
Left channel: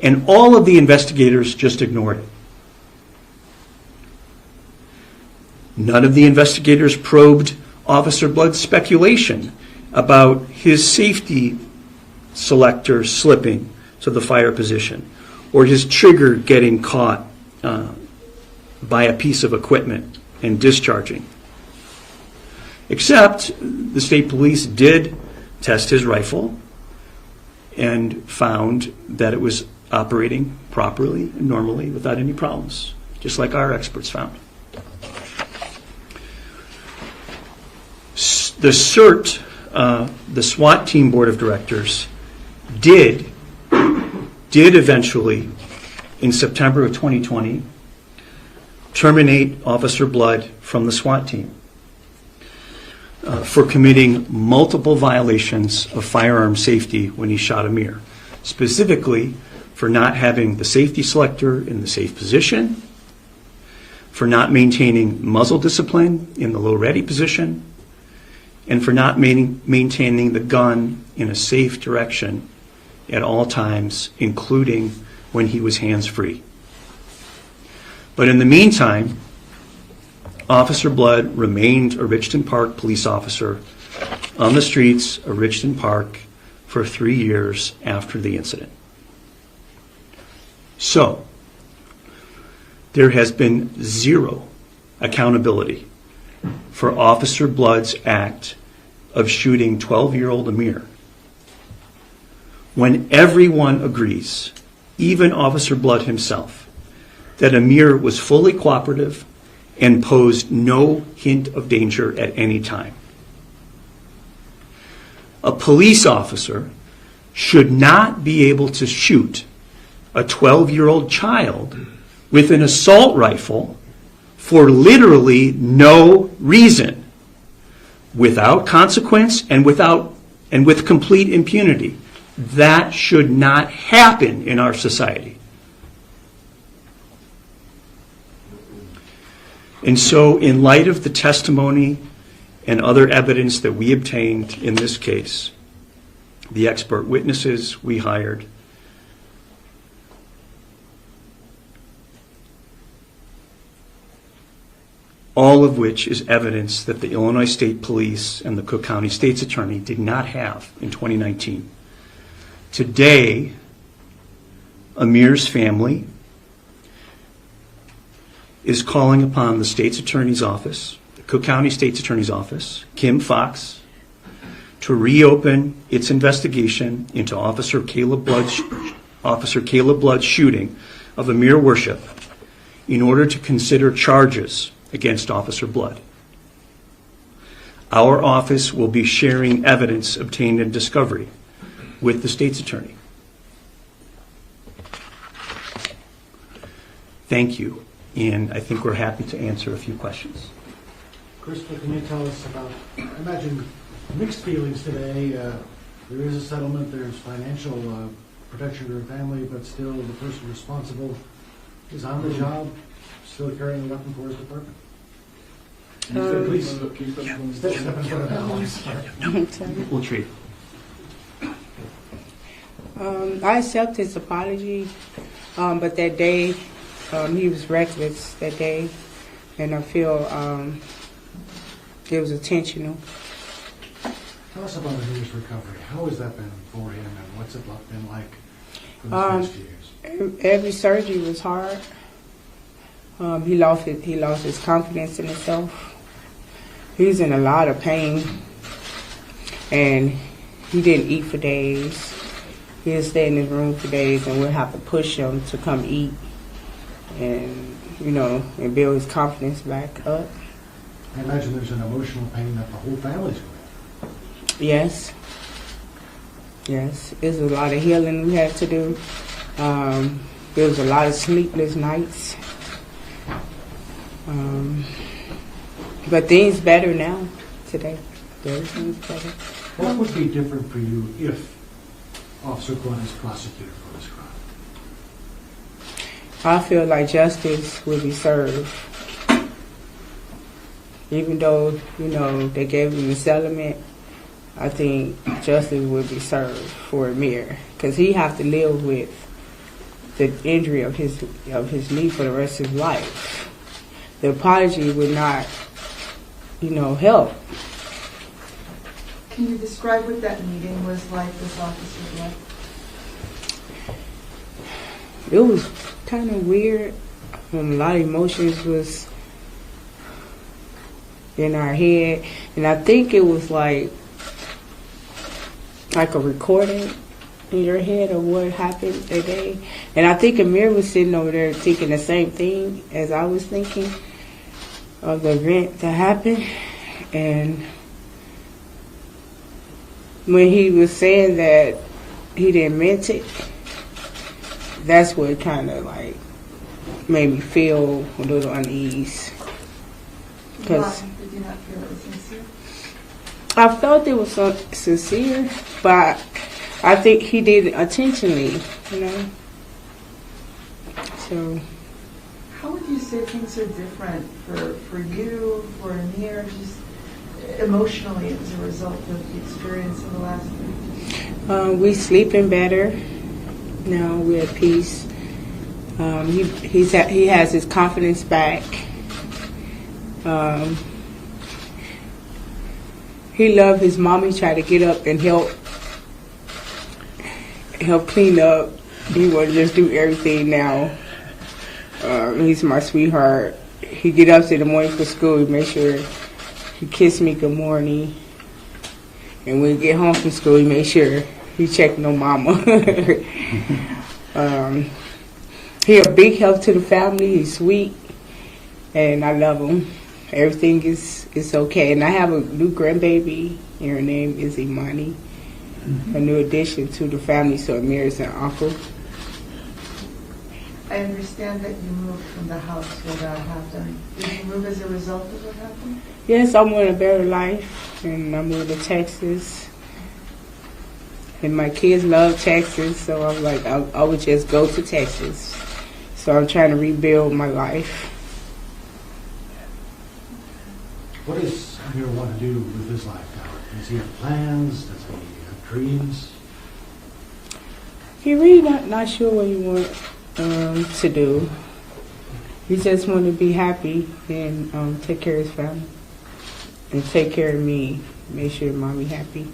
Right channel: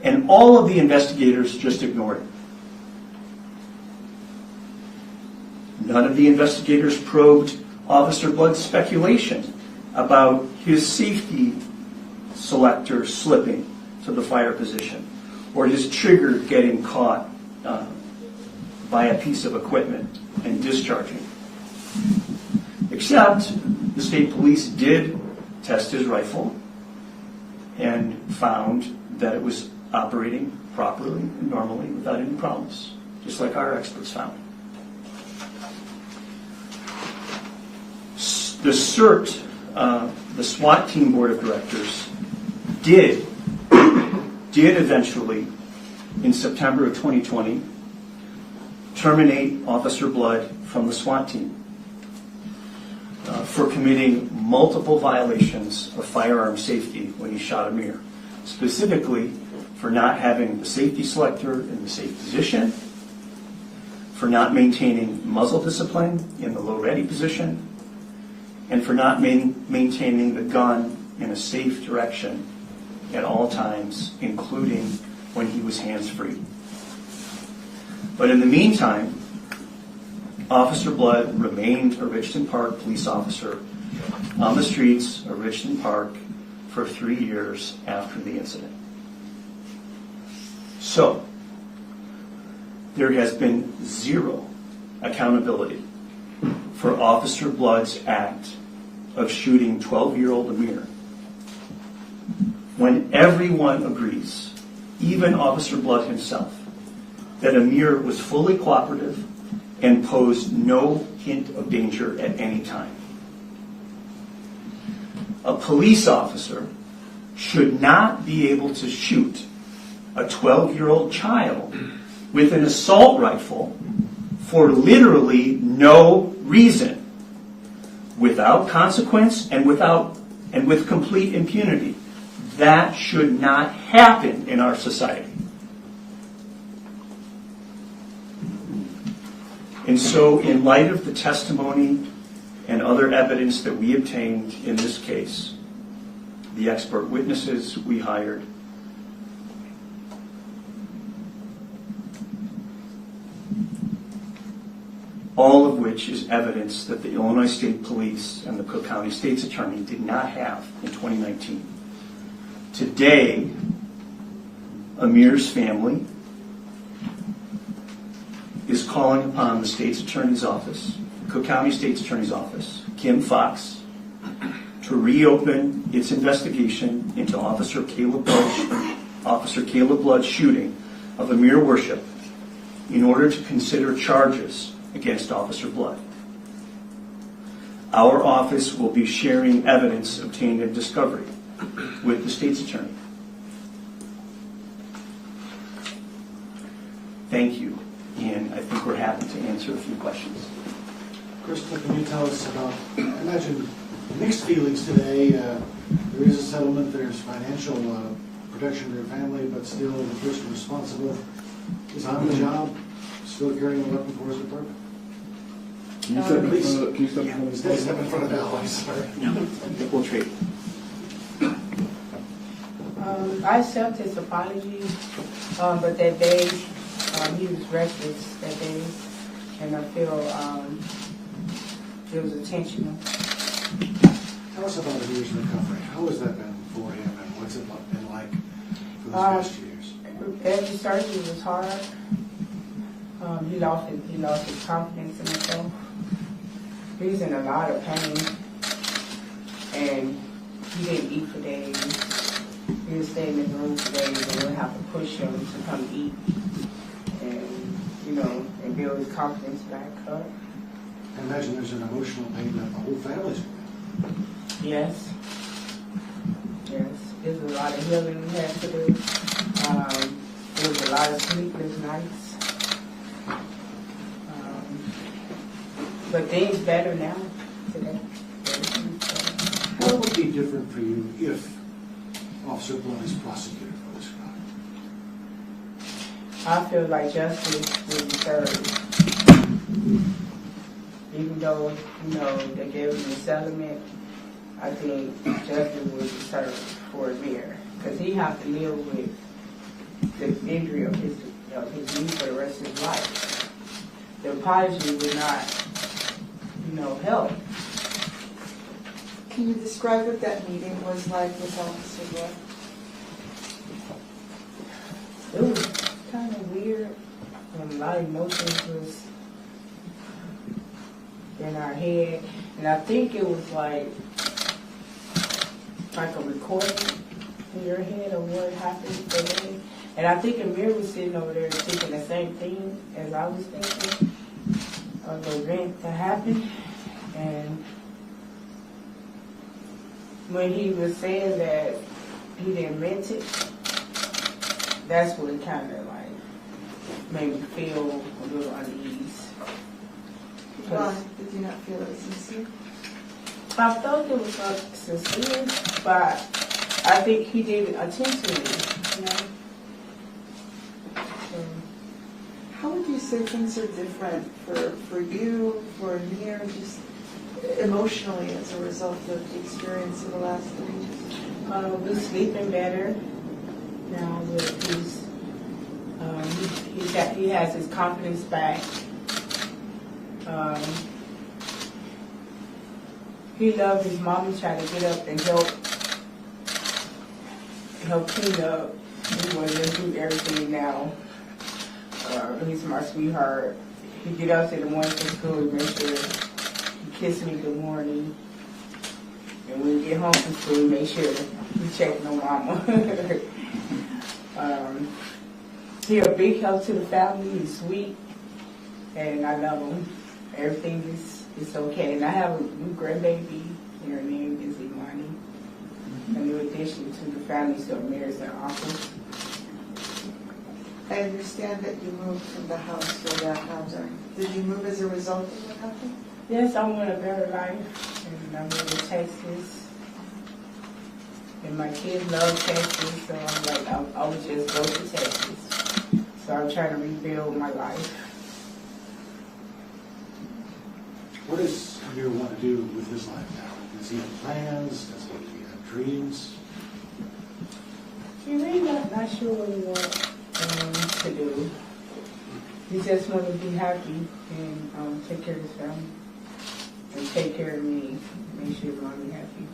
and all of the investigators just ignored it. None of the investigators probed Officer Blood's speculation about his safety selector slipping to the fire position, or his trigger getting caught by a piece of equipment and discharging. Except the state police did test his rifle and found that it was operating properly and normally without any problems, just like our experts found. The CERT, the SWAT team board of directors, did eventually, in September of 2020, terminate Officer Blood from the SWAT team for committing multiple violations of firearm safety when he shot Amir, specifically for not having the safety selector in the safe position, for not maintaining muzzle discipline in the low ready position, and for not maintaining the gun in a safe direction at all times, including when he was hands-free. But in the meantime, Officer Blood remained a Richton Park police officer on the streets of Richton Park for 3 years after the incident. So, there has been zero accountability for Officer Blood's act of shooting 12-year-old Amir, when everyone agrees, even Officer Blood himself, that Amir was fully cooperative and posed no hint of danger at any time. A police officer should not be able to shoot a 12-year-old child with an assault rifle for literally no reason, without consequence and with complete impunity. That should not happen in our society. And so, in light of the testimony and other evidence that we obtained in this case, the expert witnesses we hired, all of which is evidence that the Illinois State Police and the Cook County State's Attorney did not have in 2019. Today, Amir's family is calling upon the State's Attorney's Office, the Cook County State's Attorney's Office, Kim Fox, to reopen its investigation into Officer Caleb Blood's shooting of Amir Worship in order to consider charges against Officer Blood. Our office will be sharing evidence obtained in discovery with the state's attorney. Thank you, and I think we're happy to answer a few questions. Crystal, can you tell us about, I imagine, mixed feelings today. There is a settlement, there's financial protection for your family, but still the person responsible is on the job, still carrying a weapon for his purpose. Please, step in front of Alex. No, we'll trade. I accept his apology, but that day, he was reckless that day, and I feel it was intentional. Tell us about Amir's recovery. How has that been for him, and what's it been like for the past years? Every surgery was hard. He lost his confidence in himself. He's in a lot of pain, and he didn't eat for days. He'll stay in his room for days, and we'll have to push him to come eat, and and build his confidence back up. I imagine there's an emotional pain that the whole family's going through. Yes. There's a lot of healing we had to do. There was a lot of sleepless nights. But things better now, today. What would be different for you if Officer Blood is prosecuted for this crime? I feel like justice will be served. Even though, they gave him the settlement, I think justice will be served for Amir, because he have to live with the injury of his knee for the rest of his life. The apology would not, help. Can you describe what that meeting was like with Officer Blood? It was kind of weird. A lot of emotions was in our head, and I think it was like a recording in your head of what happened that day. And I think Amir was sitting over there thinking the same thing as I was thinking of the event that happened. And when he was saying that he didn't mean it, that's what kind of like made me feel a little unease. Why? Did you not feel it was sincere? I felt it was sincere, but I think he did it intentionally, So. How would you say things are different for you, for Amir, just emotionally as a result of the experience in the last 3 days? We sleeping better now. We're at peace. He has his confidence back. He loved his mom. He tried to get up and help clean up. He want to just do everything now. He's my sweetheart. He get up in the morning for school. He make sure he kiss me good morning. And when he get home from school, he make sure he check on mama. He a big help to the family. He's sweet, and I love him. Everything is okay. And I have a new grandbaby, and her name is Imani. A new addition to the family, so Amir is an uncle. I understand that you moved from the house where that happened. Did you move as a result of what happened? Yes, I want a better life, and I moved to Texas. And my kids love Texas, so I'm like, I would just go to Texas. So I'm trying to rebuild my life. What does Amir want to do with his life now? Does he have plans? Does he have dreams? He really not sure what he wants to do. He just want to be happy and take care of his family and take care of me. Make sure mommy happy.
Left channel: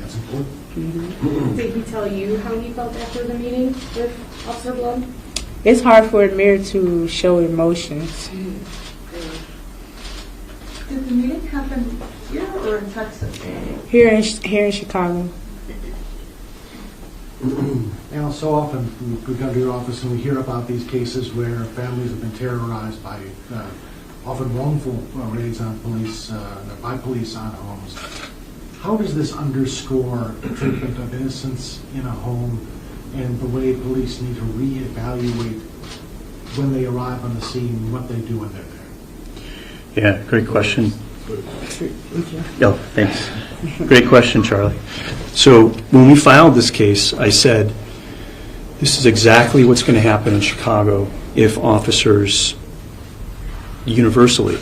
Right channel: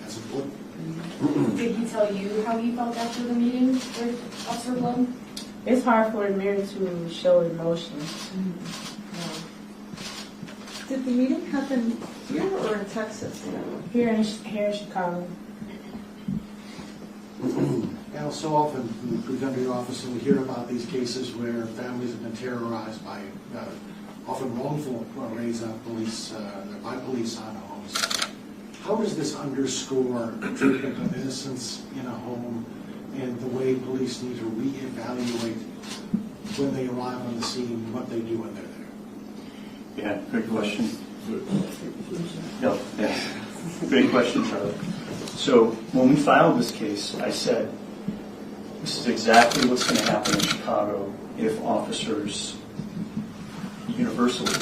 That's important. Mm-hmm. Did he tell you how he felt after the meeting with Officer Blood? It's hard for Amir to show emotions. Did the meeting happen here or in Texas? Here in Chicago. Now, so often we come to your office and we hear about these cases where families have been terrorized by often wrongful raids on police, by police on homes. How does this underscore the treatment of innocents in a home and the way police need to reevaluate when they arrive on the scene, what they do when they're there? Yeah, great question. Oh, thanks. Great question, Charlie. So when we filed this case, I said, this is exactly what's going to happen in Chicago if officers universally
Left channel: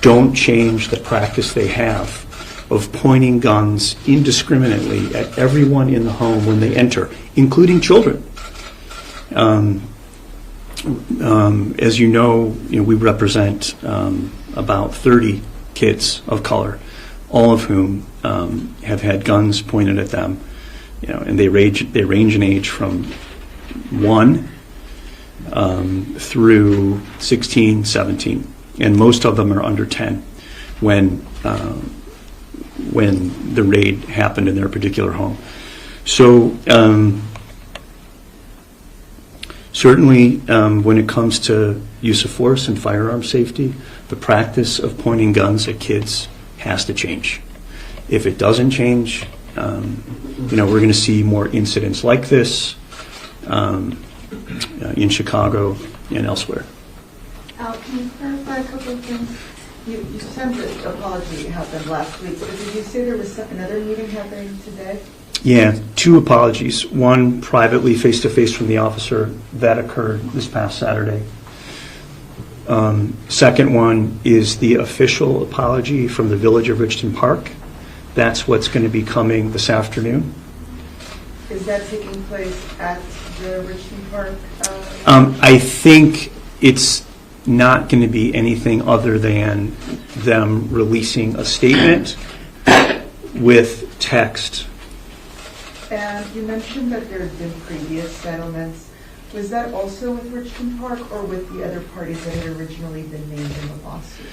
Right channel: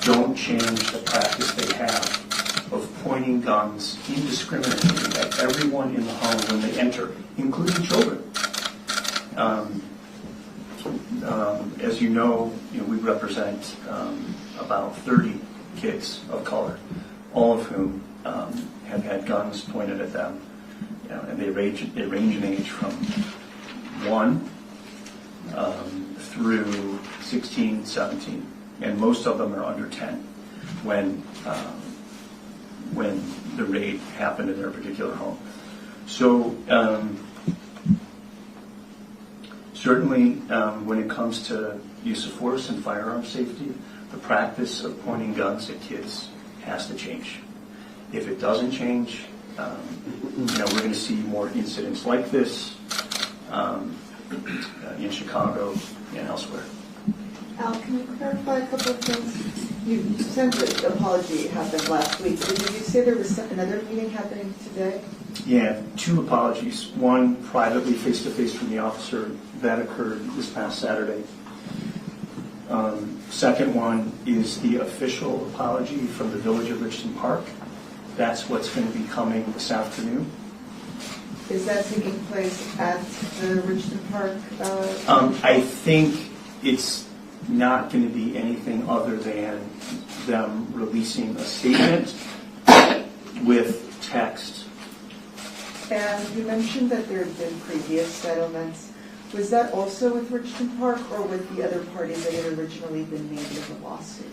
don't change the practice they have of pointing guns indiscriminately at everyone in the home when they enter, including children. As you know, we represent about 30 kids of color, all of whom have had guns pointed at them, and they range in age from 1 through 16, 17, and most of them are under 10 when the raid happened in their particular home. So certainly when it comes to use of force and firearm safety, the practice of pointing guns at kids has to change. If it doesn't change, we're going to see more incidents like this in Chicago and elsewhere. Al, can you clarify a couple of things? You said the apology happened last week, but did you say there was another meeting happening today? Yeah, 2 apologies. One privately, face-to-face from the officer. That occurred this past Saturday. Second one is the official apology from the Village of Richton Park. That's what's going to be coming this afternoon. Is that taking place at the Richton Park? I think it's not going to be anything other than them releasing a statement with text. And you mentioned that there had been previous settlements. Was that also with Richton Park or with the other parties that had originally been named in the lawsuit?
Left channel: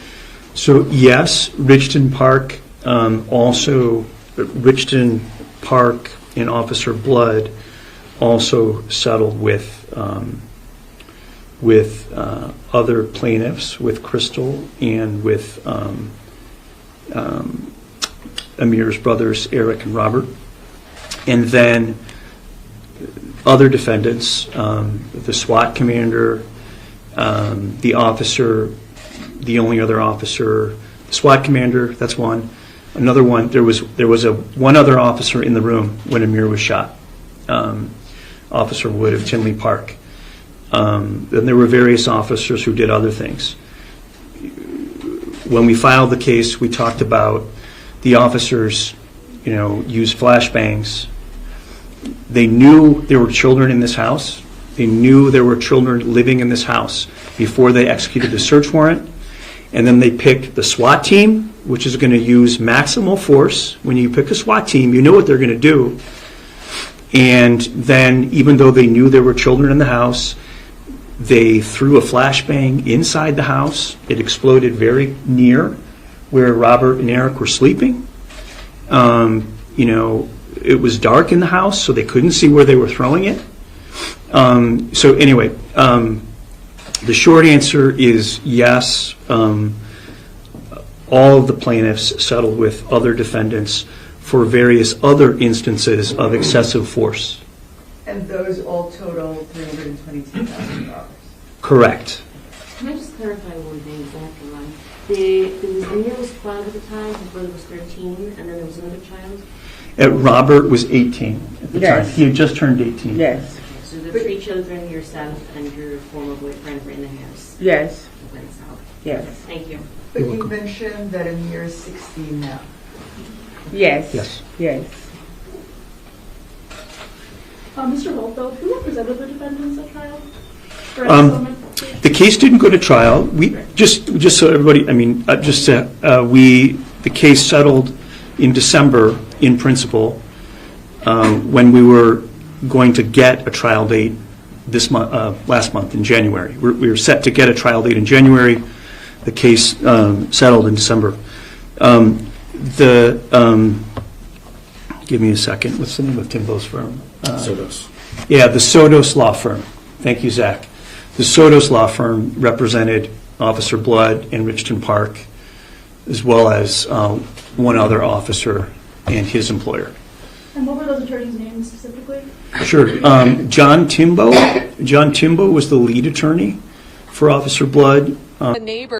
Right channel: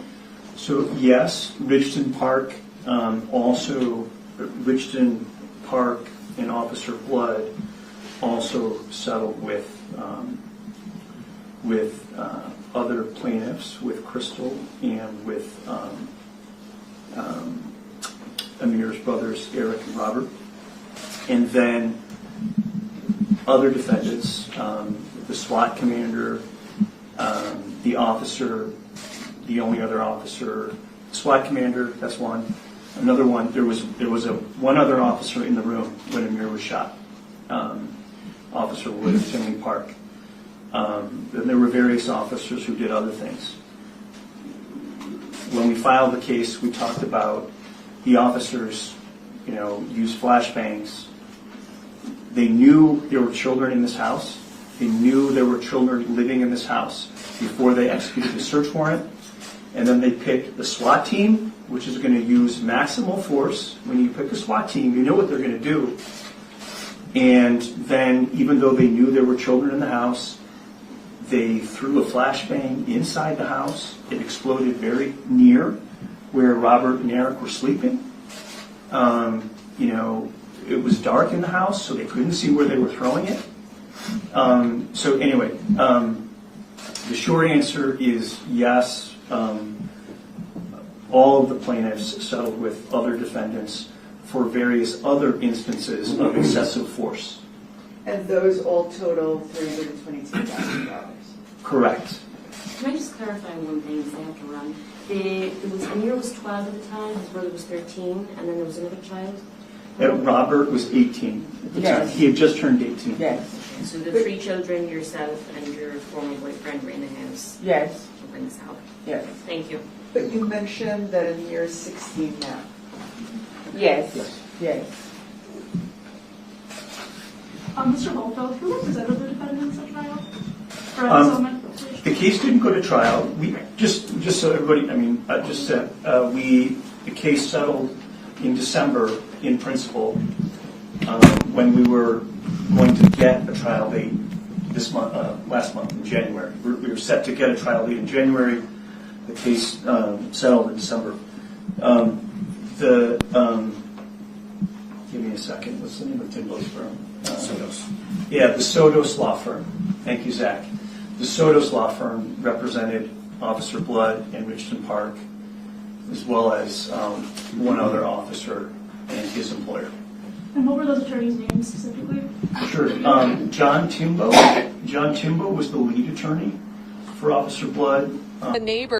So yes, Richton Park, also Richton Park and Officer Blood also settled with other plaintiffs, with Crystal and with Amir's brothers, Eric and Robert. And then other defendants, the SWAT commander, the officer, the only other officer, the SWAT commander, that's one. Another one, there was one other officer in the room when Amir was shot, Officer Wood of Tinley Park. Then there were various officers who did other things. When we filed the case, we talked about the officers, used flashbangs. They knew there were children in this house. They knew there were children living in this house before they executed the search warrant. And then they picked the SWAT team, which is going to use maximal force. When you pick a SWAT team, you know what they're going to do. And then, even though they knew there were children in the house, they threw a flashbang inside the house. It exploded very near where Robert and Eric were sleeping. It was dark in the house, so they couldn't see where they were throwing it. So anyway, the short answer is yes. All of the plaintiffs settled with other defendants for various other instances of excessive force. And those all total $322,000. Correct. Can I just clarify one thing, because I have to run? Amir was 12 at the time, his brother was 13, and then there was another child? Robert was 18 at the Yes. time. He had just turned 18. Yes, Okay, so the 3 children, yourself, and your former boyfriend were in the house? yes, Went south. yes, Thank you. But you mentioned that Amir is 16 now. yes, Yes. yes. Mr. Volfeld, who represented the defendants at trial? Or at Um, settlement? The case didn't go to trial. We just so everybody, the case settled in December in principle when we were going to get a trial date this month, last month in January. We were set to get a trial date in January. The case settled in December. Give me a second. What's the name of Timbo's firm? Sodos. Yeah, the Sodos Law Firm. Thank you, Zach. The Sodos Law Firm represented Officer Blood in Richton Park, as well as one other officer and his employer. And what were those attorneys' names specifically? Sure. John Timbo. John Timbo was the lead attorney for Officer Blood. The neighbor